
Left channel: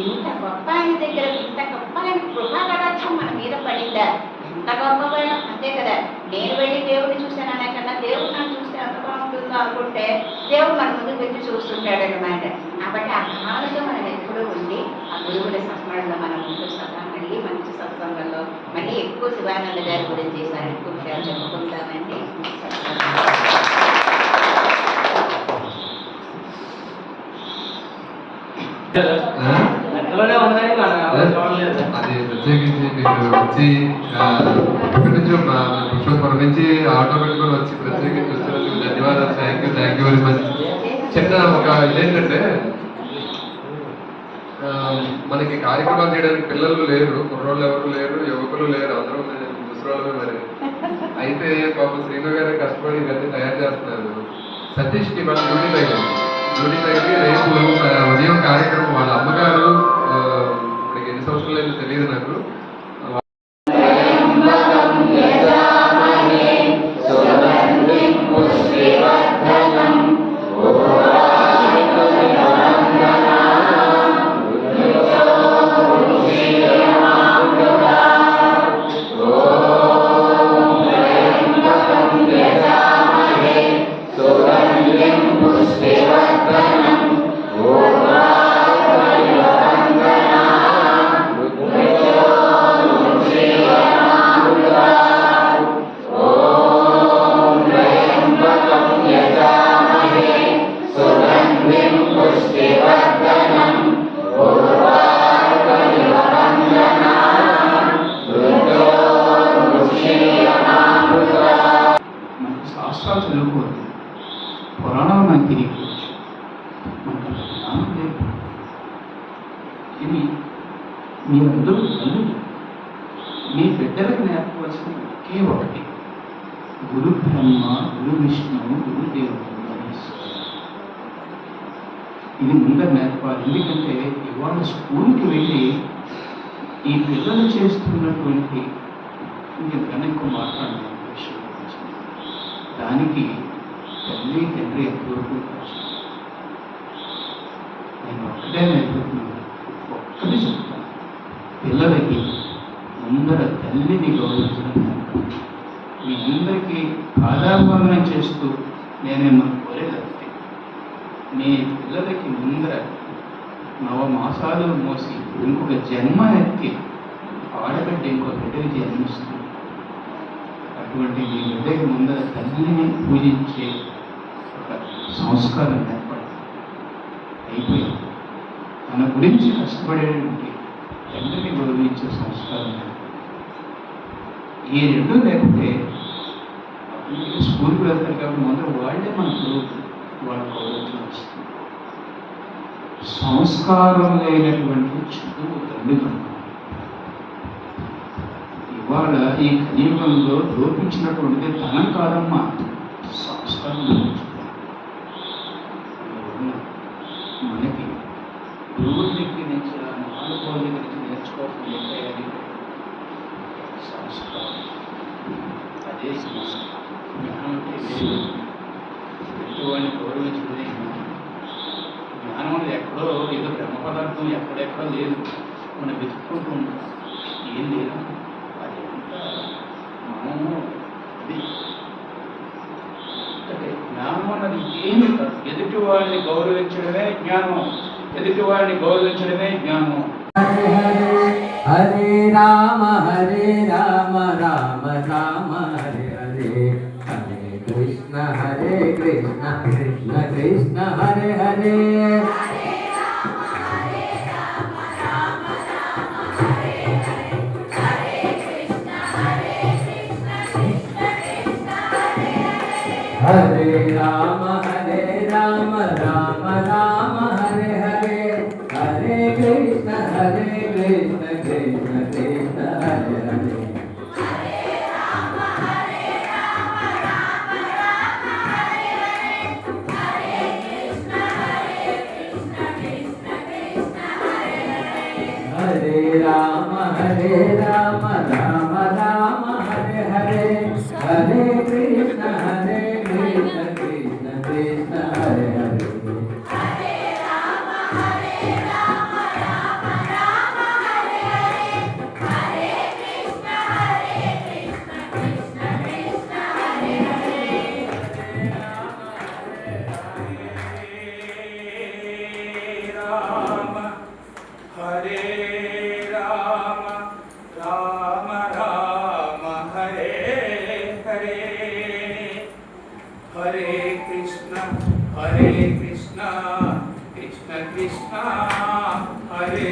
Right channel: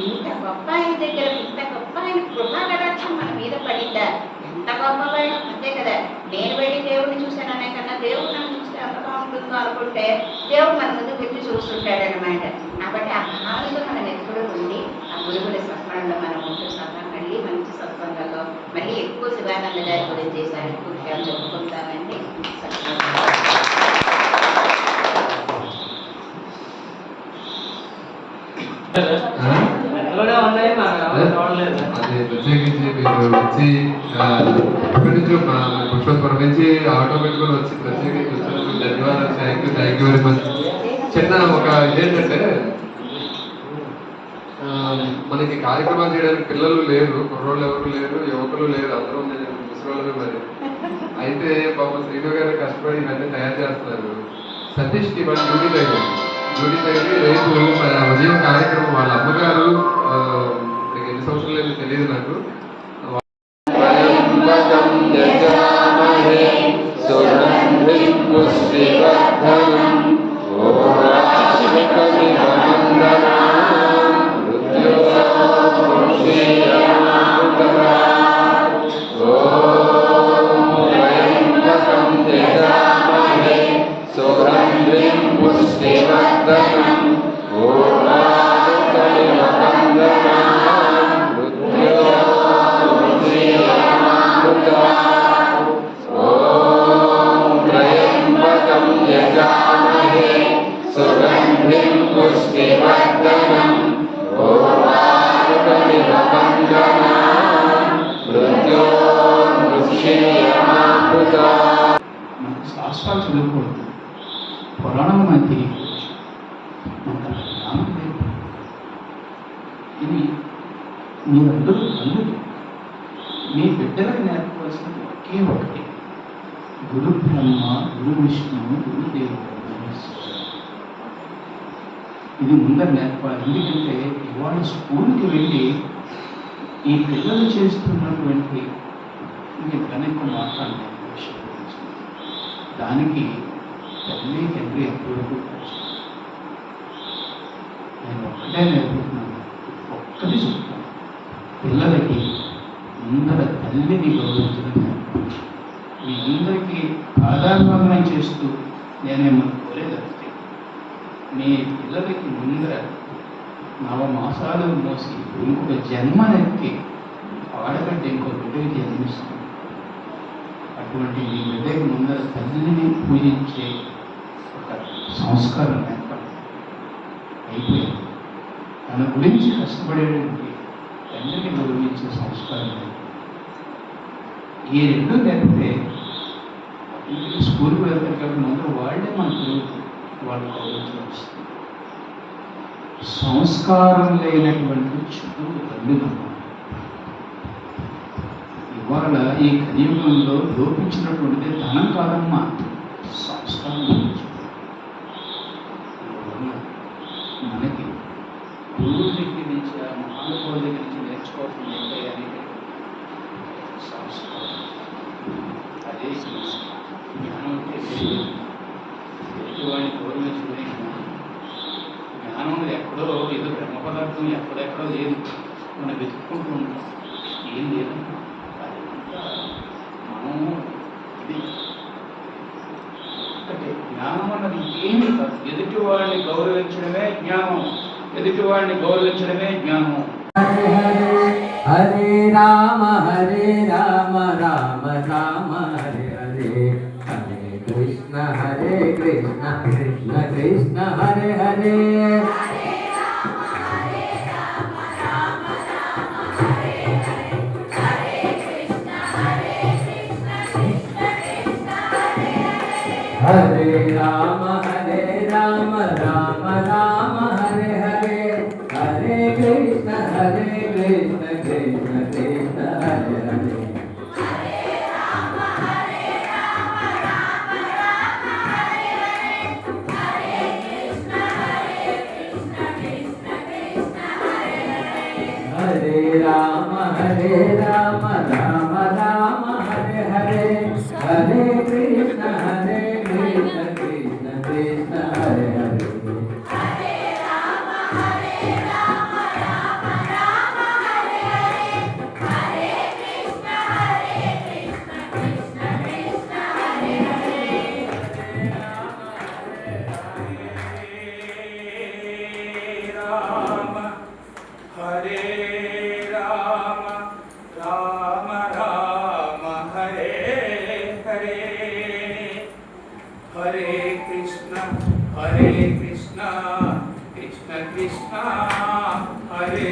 ఇంత గొప్ప ఆయన దగ్గర, ఇంత గొప్ప ఆయన కృపా కటాక్షం మన మీద పడిందా, ఎంత గొప్పవాడు అంతే కదా. నేను వెళ్ళి దేవుడిని చూశాను అనే కన్నా దేవుడు నన్ను చూస్తే ఎంత బాగుంటుందో అనుకుంటే దేవుడు మన ముందు వెళ్ళి చూస్తుంటాడు అనమాట. కాబట్టి ఆ భావనలో మనం ఎప్పుడూ ఉండి ఆ గురువుల సత్మరణలో మనం ముందు సత్తా మళ్ళీ మంచి సత్సంగంలో మళ్ళీ ఎక్కువ శివానంద గారి గురించి ఎక్కువగా చెప్పుకుంటామండి. అది ప్రత్యేకించి మీరు వచ్చి ఇక్కడి నుంచి పుష్పపురం నుంచి ఆటో పెట్టుకొని వచ్చి ప్రత్యేకించి వచ్చినందుకు ధన్యవాదాలు. Thank you very much. చిన్న ఒక ఇదేంటంటే, మనకి కార్యక్రమాలు చేయడానికి పిల్లలు లేరు, కుర్రోళ్ళు ఎవరు లేరు, యువకులు లేరు, అందరూ ముసలి మరి. అయితే పాపం శ్రీను గారు కష్టపడి ఇవన్నీ తయారు చేస్తున్నారు. సతీష్కి మన డ్యూటీ తగ్గి రేపు ఉదయం కార్యక్రమం వాళ్ళ అమ్మగారు ఇప్పటికి ఎన్ని సంవత్సరాలు అయితే తెలియదు నాకు. శాస్త్రాలు చదువుకోవద్దు, పురాణాలు మనకు తెలియదు. ఇది మీరందరూ తల్లులు, మీ బిడ్డలకు నేర్పవలసిన ఒకే ఒకటి, బ్రహ్మ గురు విష్ణు గురుదేవుడు ఇది ముందర నేర్పాలి. ఎందుకంటే ఇవాళ స్కూల్కి వెళ్ళి ఈ పిల్లలు చేస్తున్నటువంటి ఇంకెందుకన్నా ఎక్కువ మాట్లాడలేదు విషయం గురించి. దానికి తల్లి తండ్రి ఎంతవరకు కష్టం. నేను ఒక్కటే నేర్పుతున్నాను, ఒక్కటి చెప్తాను, పిల్లలకి ముందర తల్లిని గౌరవించడం నేర్పాలి. మీ అందరికీ పాదాభందనం చేస్తూ నేనేమో కోరేదంతే, మీ పిల్లలకి ముందర నవమాసాలు మోసి ఇంకొక జన్మనెత్తి ఆడబిడ్డ ఇంకో బిడ్డకి జన్మిస్తుంది. అటువంటి మీ బిడ్డకి ముందర తల్లిని పూజించే ఒక సంస్కారం ఏర్పడింది. అయిపోయింది. తన గురించి కష్టపడేటువంటి తండ్రిని గౌరవించే సంస్కారం లేదు. ఈ రెండు లేకపోతే స్కూల్కి వెళ్తారు కాబట్టి ముందర వాళ్ళే మనకు వాళ్ళ గౌరవించడం వస్తుంది. సంస్కారం లేనటువంటి చదువు దండుగా ఇవాళ ఈ కలియుగంలో లోపించినటువంటిది ధనం కాదమ్మా, సంస్కారం లోపించుకోవాలి. మనకి గురువుల దగ్గర నుంచి ఆ మహానుభావుల దగ్గర నుంచి నేర్చుకోవాల్సిన ఏంటంటే సంస్కారం. అదే సంస్కారం. జ్ఞానం అంటే ఎదుటివాడిని గౌరవించడమే జ్ఞానం. జ్ఞానం అనేది ఎక్కడో ఏదో బ్రహ్మ పదార్థం ఎక్కడెక్కడో లేదు, మనం వెతుక్కుంటూ ఉంటాం. ఏం లేదు, అది అంతా మనము ఇది ఒకటే. జ్ఞానం అన్నది ఏమీ కాదు, ఎదుటివాడిని గౌరవించడమే జ్ఞానం. ఎదుటివాడిని గౌరవించడమే జ్ఞానం. హరే రామ రామ రామ హరే హరే, హరే కృష్ణ కృష్ణ కృష్ణ హరే హరే. హరే రామ రామ రామ హరే హరే, హరే కృష్ణ కృష్ణ కృష్ణ హరే హరే. హరే రామ రామ రామ హరే హరే, హరే కృష్ణ కృష్ణ కృష్ణ హరే హరే. హరే కృష్ణ కృష్ణ కృష్ణ హరే